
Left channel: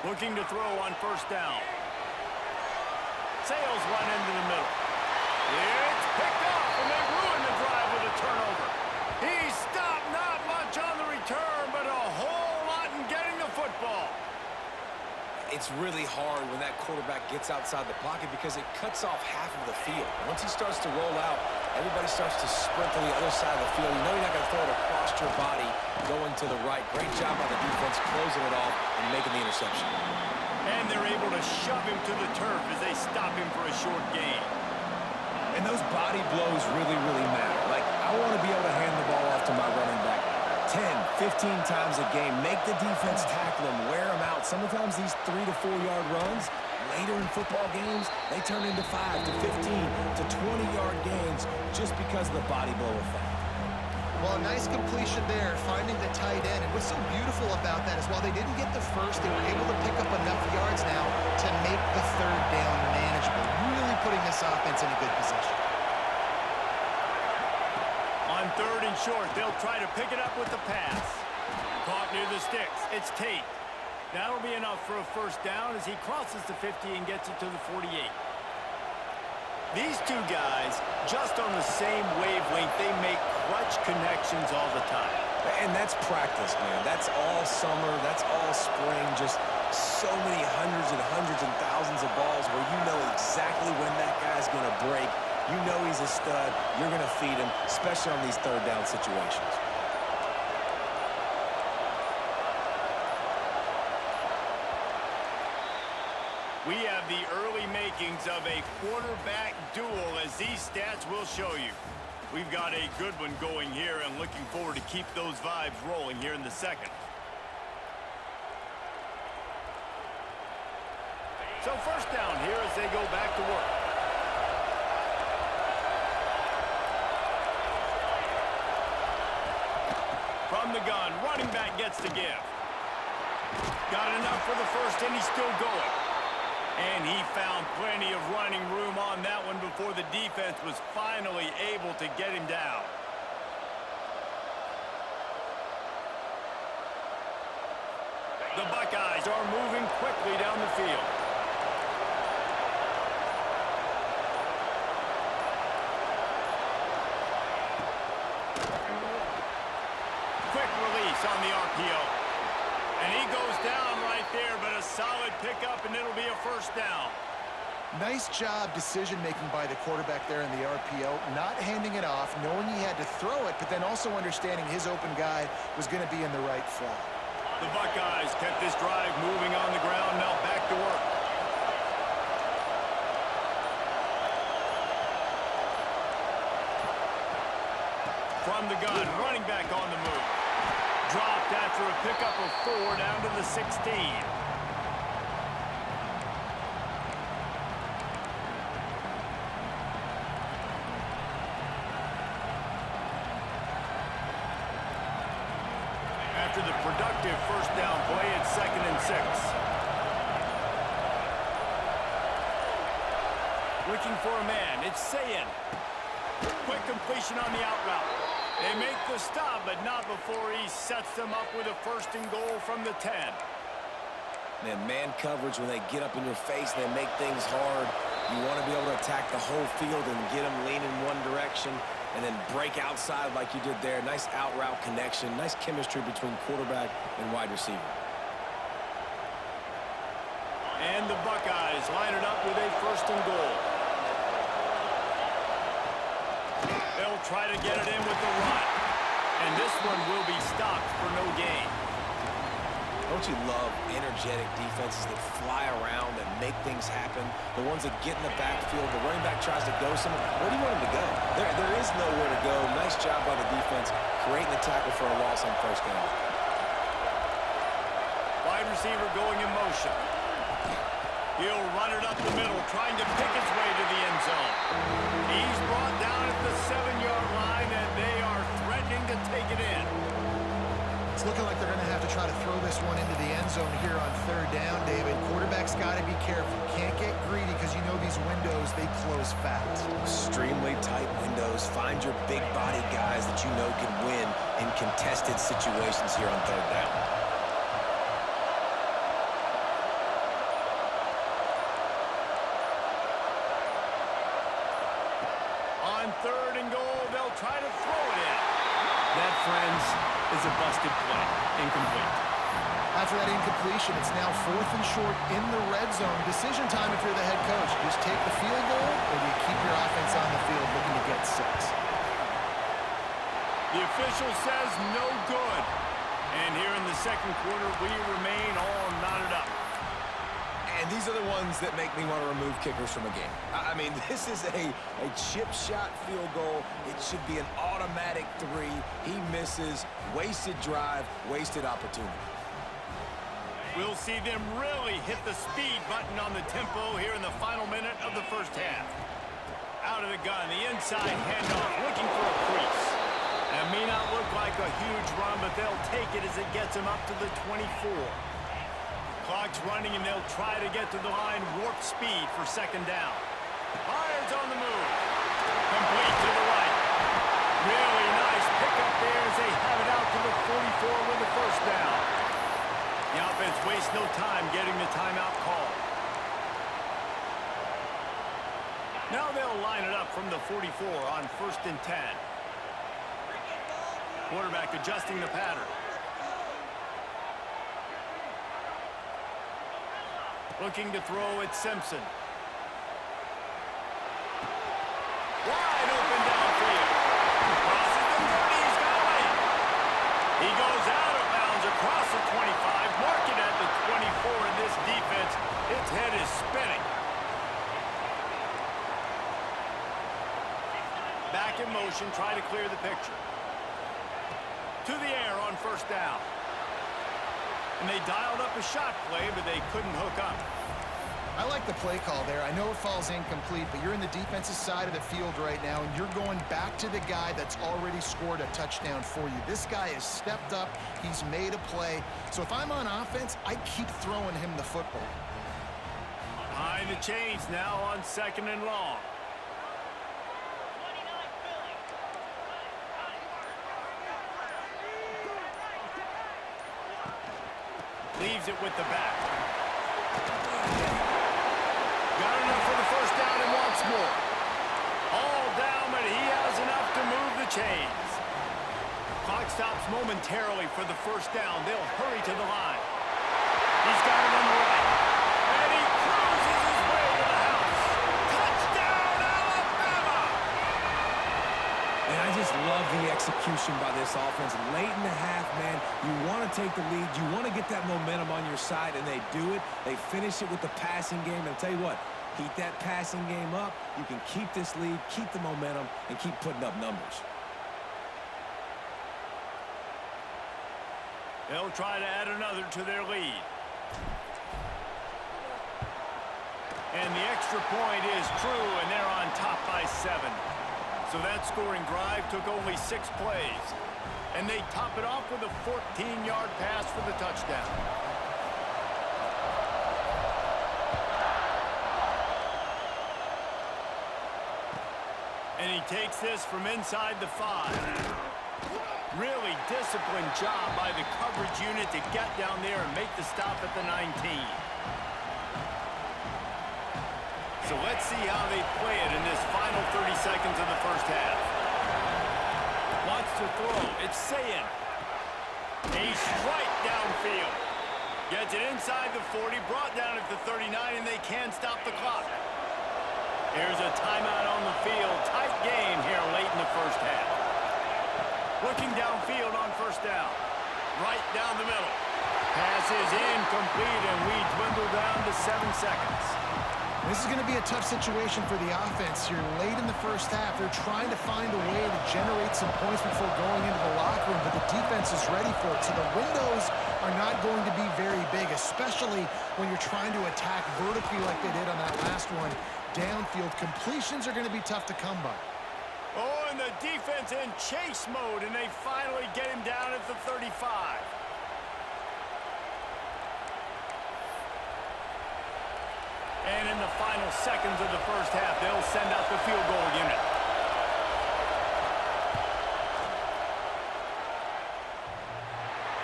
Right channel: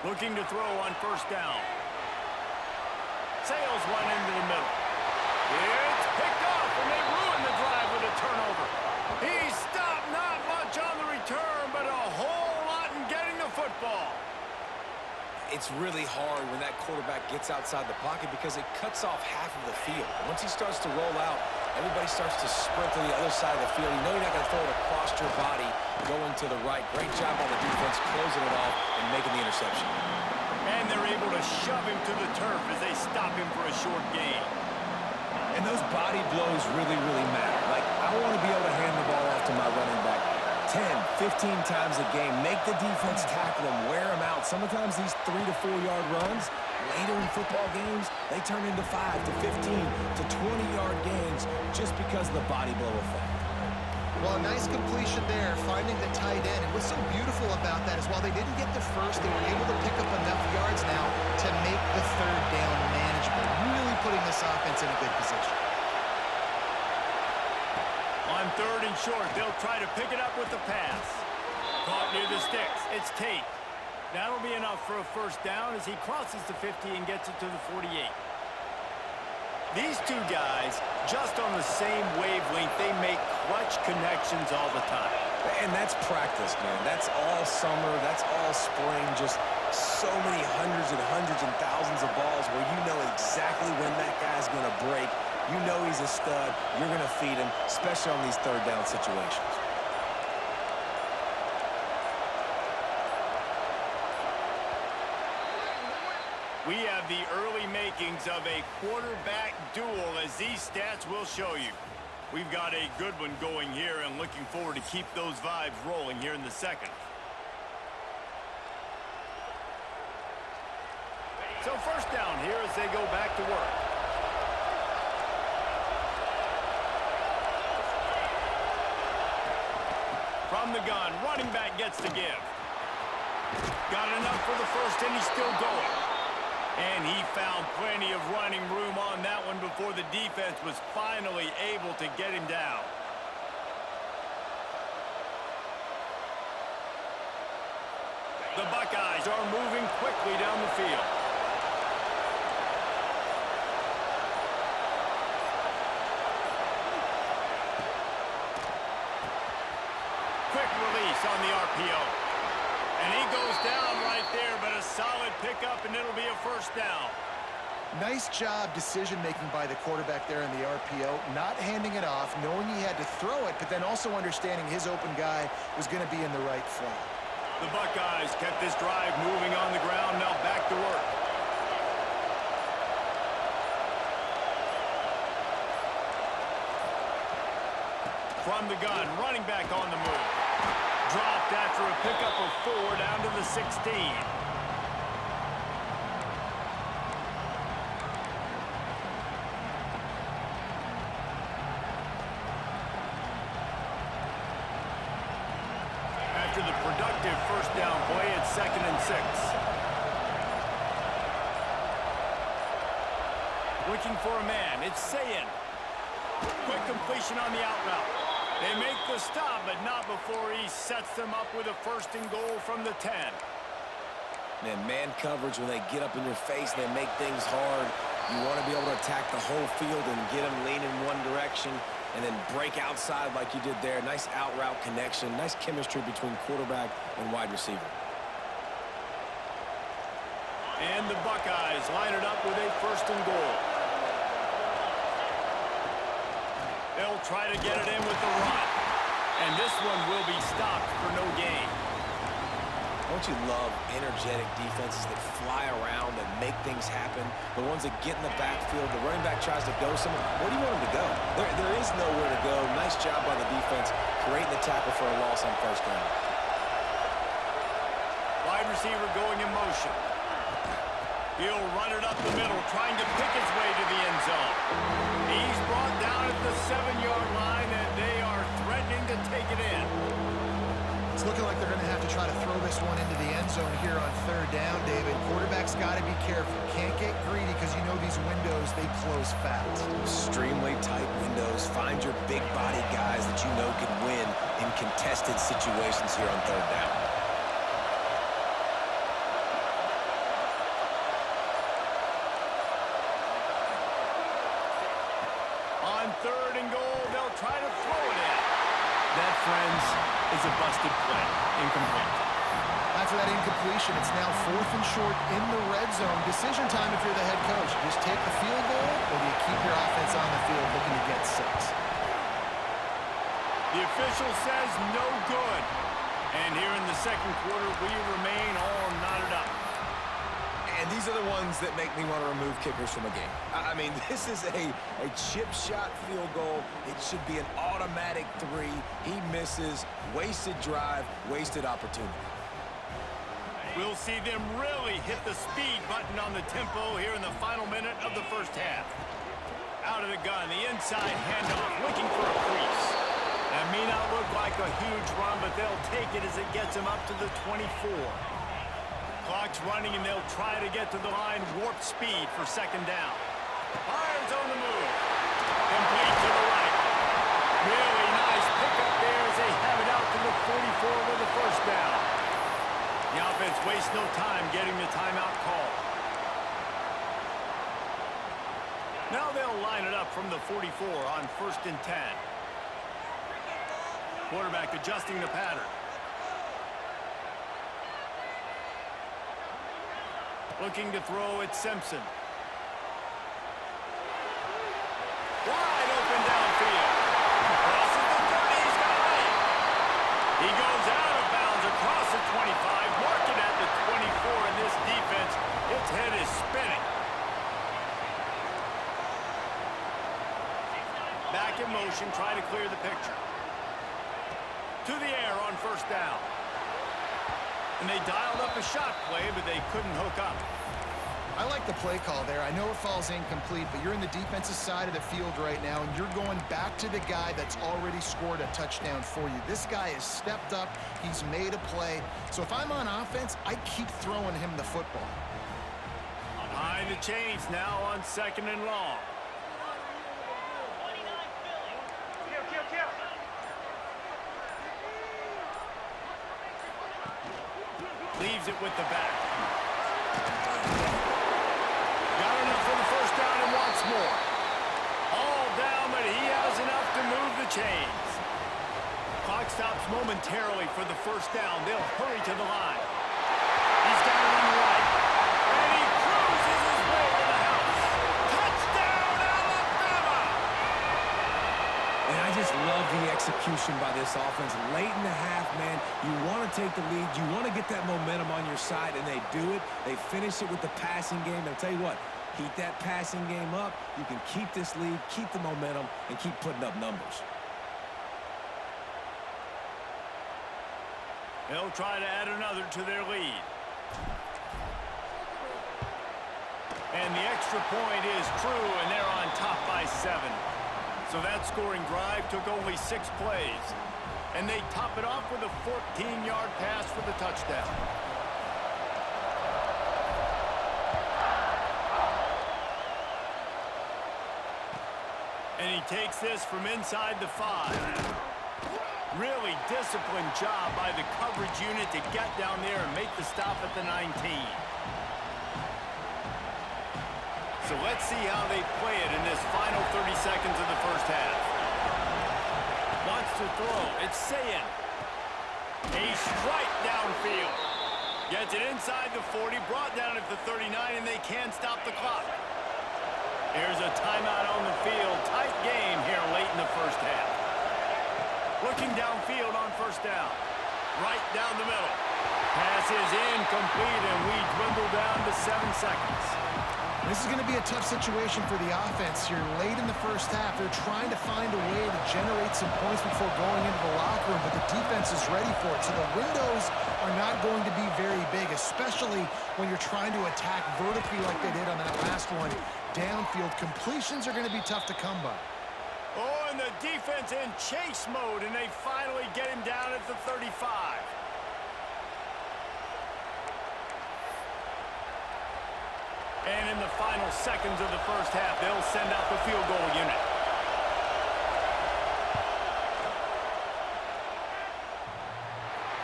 Looking to throw on first down. Sails one into the middle. It's picked off, and they ruin the drive with a turnover. He stopped, not much on the return, but a whole lot in getting the football. It's really hard when that quarterback gets outside the pocket because it cuts off half of the field. Once he starts to roll out, everybody starts to sprint to the other side of the field. You know you're not going to throw it across your body going to the right. Great job by the defense closing it off and making the interception. And they're able to shove him to the turf as they stop him for a short gain. And those body blows really, really matter. Like, I want to be able to hand the ball off to my running back 10, 15 times a game. Make the defense tackle them, wear them out. Sometimes these 3 to 4 yard runs, later in football games, they turn into 5 to 15 to 20-yard gains just because of the body blow effect. Well, a nice completion there, finding the tight end. And what's so beautiful about that is while they didn't get the first, they were able to pick up enough yards now to make the third down manageable, really putting this offense in a good position. On third and short, they'll try to pick it up with the pass. Caught near the sticks. It's Tate. That'll be enough for a first down as he crosses the 50 and gets it to the 48. These two guys, just on the same wavelength, they make clutch connections all the time. And that's practice, man. That's all summer. That's all spring. Just so many hundreds and thousands of balls where you know exactly when that guy's going to break. You know he's a stud. You're going to feed him, especially on these third down situations. We have the early makings of a quarterback duel, as these stats will show you. We've got a good one going here and looking forward to keep those vibes rolling here in the second. So first down here as they go back to work. From the gun, running back gets to give. Got enough for the first, and he's still going. And he found plenty of running room on that one before the defense was finally able to get him down. The Buckeyes are moving quickly down the field. Quick release on the RPO. And he goes down right there, but a solid pickup, and it'll be a first down. Nice job decision-making by the quarterback there in the RPO, not handing it off, knowing he had to throw it, but then also understanding his open guy was going to be in the right flat. The Buckeyes kept this drive moving on the ground, now back to work. From the gun, running back on the move. Dropped after a pickup of 4 down to the 16. After the productive first down play, it's 2nd and 6. Looking for a man, it's Sayin. Quick completion on the out route. They make the stop, but not before he sets them up with a 1st and goal from the 10. Man coverage, when they get up in your face, they make things hard. You want to be able to attack the whole field and get them leaning one direction and then break outside like you did there. Nice out route connection, nice chemistry between quarterback and wide receiver. And the Buckeyes line it up with a 1st and goal. They'll try to get it in with the run. And this one will be stopped for no gain. Don't you love energetic defenses that fly around, that make things happen? The ones that get in the backfield, the running back tries to go somewhere. Where do you want him to go? There is nowhere to go. Nice job by the defense, creating the tackle for a loss on 1st down. wide receiver going in motion. He'll run it up the middle, trying to pick his way to the end zone. He's brought down at the 7-yard line, and they are threatening to take it in. It's looking like they're going to have to try to throw this one into the end zone here on third down, David. Quarterback's got to be careful. Can't get greedy because you know these windows, they close fast. Extremely tight windows. Find your big body guys that you know can win in contested situations here on third down. On third and goal, they'll try to throw it in. That, friends, is a busted play. Incomplete. After that incompletion, it's now 4th and short in the red zone. Decision time if you're the head coach. You just take the field goal, or do you keep your offense on the field looking to get 6? The official says no good. And here in the second quarter, we remain all knotted up. And these are the ones that make me want to remove kickers from a game. I mean, this is a chip shot field goal. It should be an automatic 3. He misses. Wasted drive, wasted opportunity. We'll see them really hit the speed button on the tempo here in the final minute of the first half. Out of the gun, the inside handoff, looking for a crease. That may not look like a huge run, but they'll take it as it gets them up to the 24. Clock's running, and they'll try to get to the line, warp speed for second down. Fires on the move. Complete to the right. Really nice pickup there as they have it out to the 44 with the first down. The offense wastes no time getting the timeout call. Now they'll line it up from the 44 on 1st and 10. Quarterback adjusting the pattern. Looking to throw at Simpson. Wide open downfield. Crosses the 30. He's got away. He goes out of bounds across the 25. Mark it at the 24 in this defense. Its head is spinning. Back in motion, try to clear the picture. To the air on first down. And they dialed up a shot play, but they couldn't hook up. I like the play call there. I know it falls incomplete, but you're in the defensive side of the field right now, and you're going back to the guy that's already scored a touchdown for you. This guy has stepped up. He's made a play. So if I'm on offense, I keep throwing him the football. Behind the chains now on 2nd and long. Leaves it with the back. Got enough for the first down and wants more. All down, but he has enough to move the chains. Clock stops momentarily for the first down. They'll hurry to the line. He's got it on the right. And he cruises his way to the house. Touchdown, Alabama! And I just love the execution by this offense. Late in the half, man, you want to take the lead. You want to get that momentum on your side, and they do it. They finish it with the passing game. And I'll tell you what, heat that passing game up. You can keep this lead, keep the momentum, and keep putting up numbers. They'll try to add another to their lead. And the extra point is true, and they're on top by 7. So that scoring drive took only 6 plays. And they top it off with a 14-yard pass for the touchdown. And he takes this from inside the 5. Really disciplined job by the coverage unit to get down there and make the stop at the 19. So let's see how they play it in this final 30 seconds of the first half. Wants to throw. It's Sayin. A strike downfield. Gets it inside the 40, brought down at the 39, and they can't stop the clock. Here's a timeout on the field. Tight game here late in the first half. Looking downfield on first down. Right down the middle. Pass is incomplete, and we dwindle down to 7 seconds. This is going to be a tough situation for the offense here late in the first half. They're trying to find a way to generate some points before going into the locker room, but the defense is ready for it. So the windows are not going to be very big, especially when you're trying to attack vertically like they did on that last one. Downfield completions are going to be tough to come by. Oh, and the defense in chase mode, and they finally get him down at the 35. And in the final seconds of the first half, they'll send out the field goal unit.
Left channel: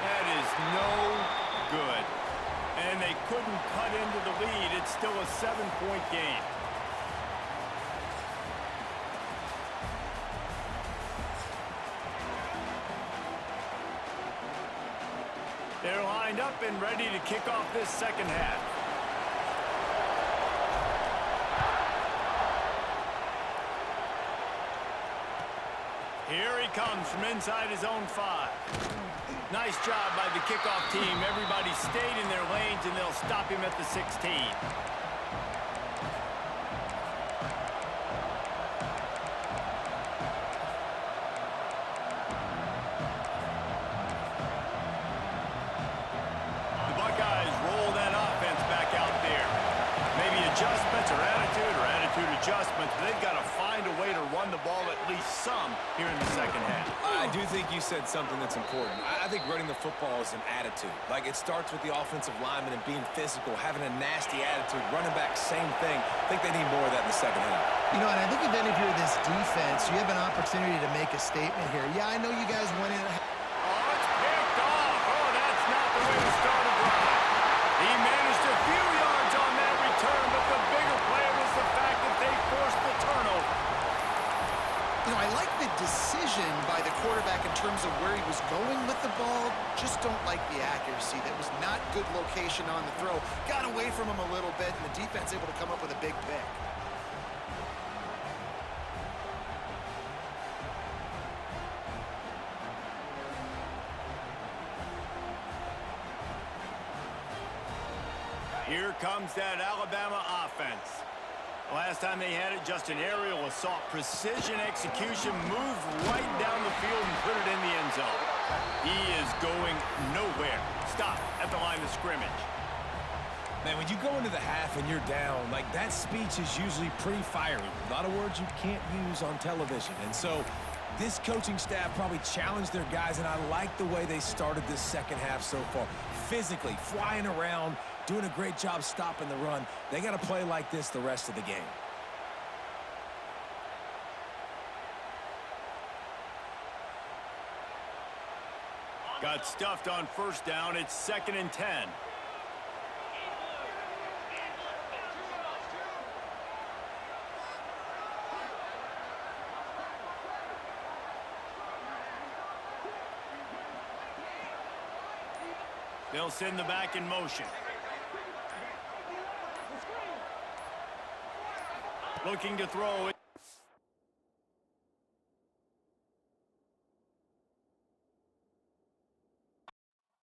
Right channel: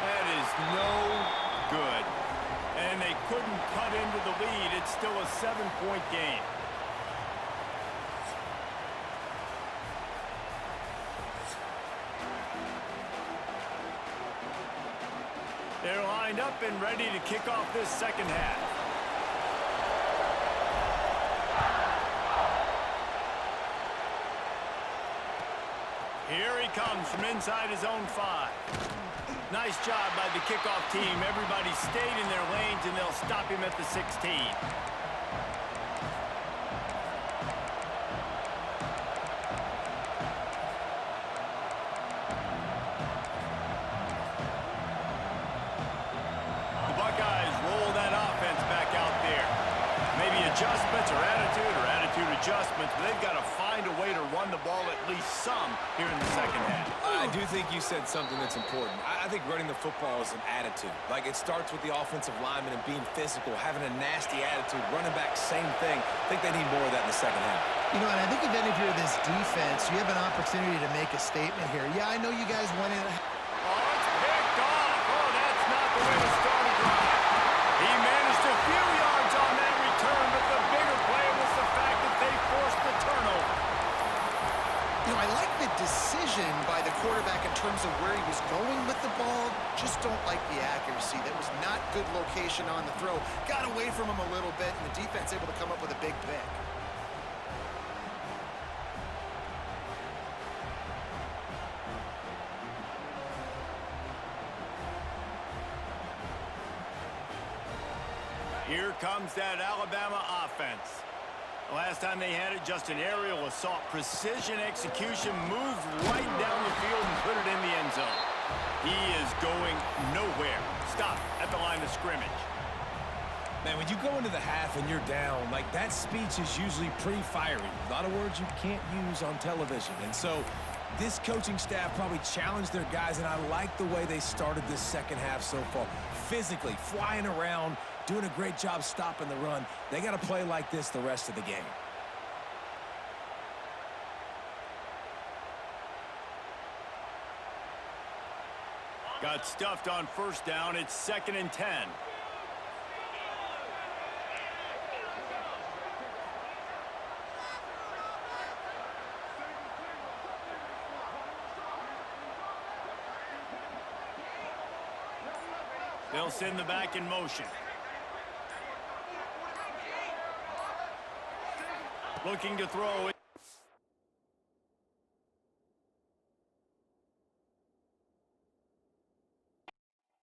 That is no good. And they couldn't cut into the lead. It's still a 7-point game. They're lined up and ready to kick off this second half. Here he comes from inside his own 5. Nice job by the kickoff team. Everybody stayed in their lanes, and they'll stop him at the 16. The Buckeyes roll that offense back out there. Maybe adjustments or attitude adjustments, but they've got to find a way to run the ball at least some here in the second half. I do think you said something that's important. I think running the football is an attitude. Like, it starts with the offensive lineman and being physical, having a nasty attitude. Running back, same thing. I think they need more of that in the second half. You know, and I think even if you're this defense, you have an opportunity to make a statement here. Yeah, I know you guys went in. Oh, it's picked off. Oh, that's not the way to start a drive. He managed a few yards on that return, but the bigger play was the fact that they forced the turnover. You know, I like the decision by the quarterback in terms of where he was going with the ball. Just don't like the accuracy. That was not good location on the throw. Got away from him a little bit, and the defense able to come up with a big pick. Here comes that Alabama offense. The last time they had it, just an aerial assault. Precision execution, moved right down the field and put it in the end zone. He is going nowhere. Stop at the line of scrimmage. Man, when you go into the half and you're down, like, that speech is usually pretty fiery. A lot of words you can't use on television. And so this coaching staff probably challenged their guys, and I like the way they started this second half so far. Physically, flying around, doing a great job stopping the run. They got to play like this the rest of the game. Got stuffed on first down. It's 2nd and 10. They'll send the back in motion. Looking to throw.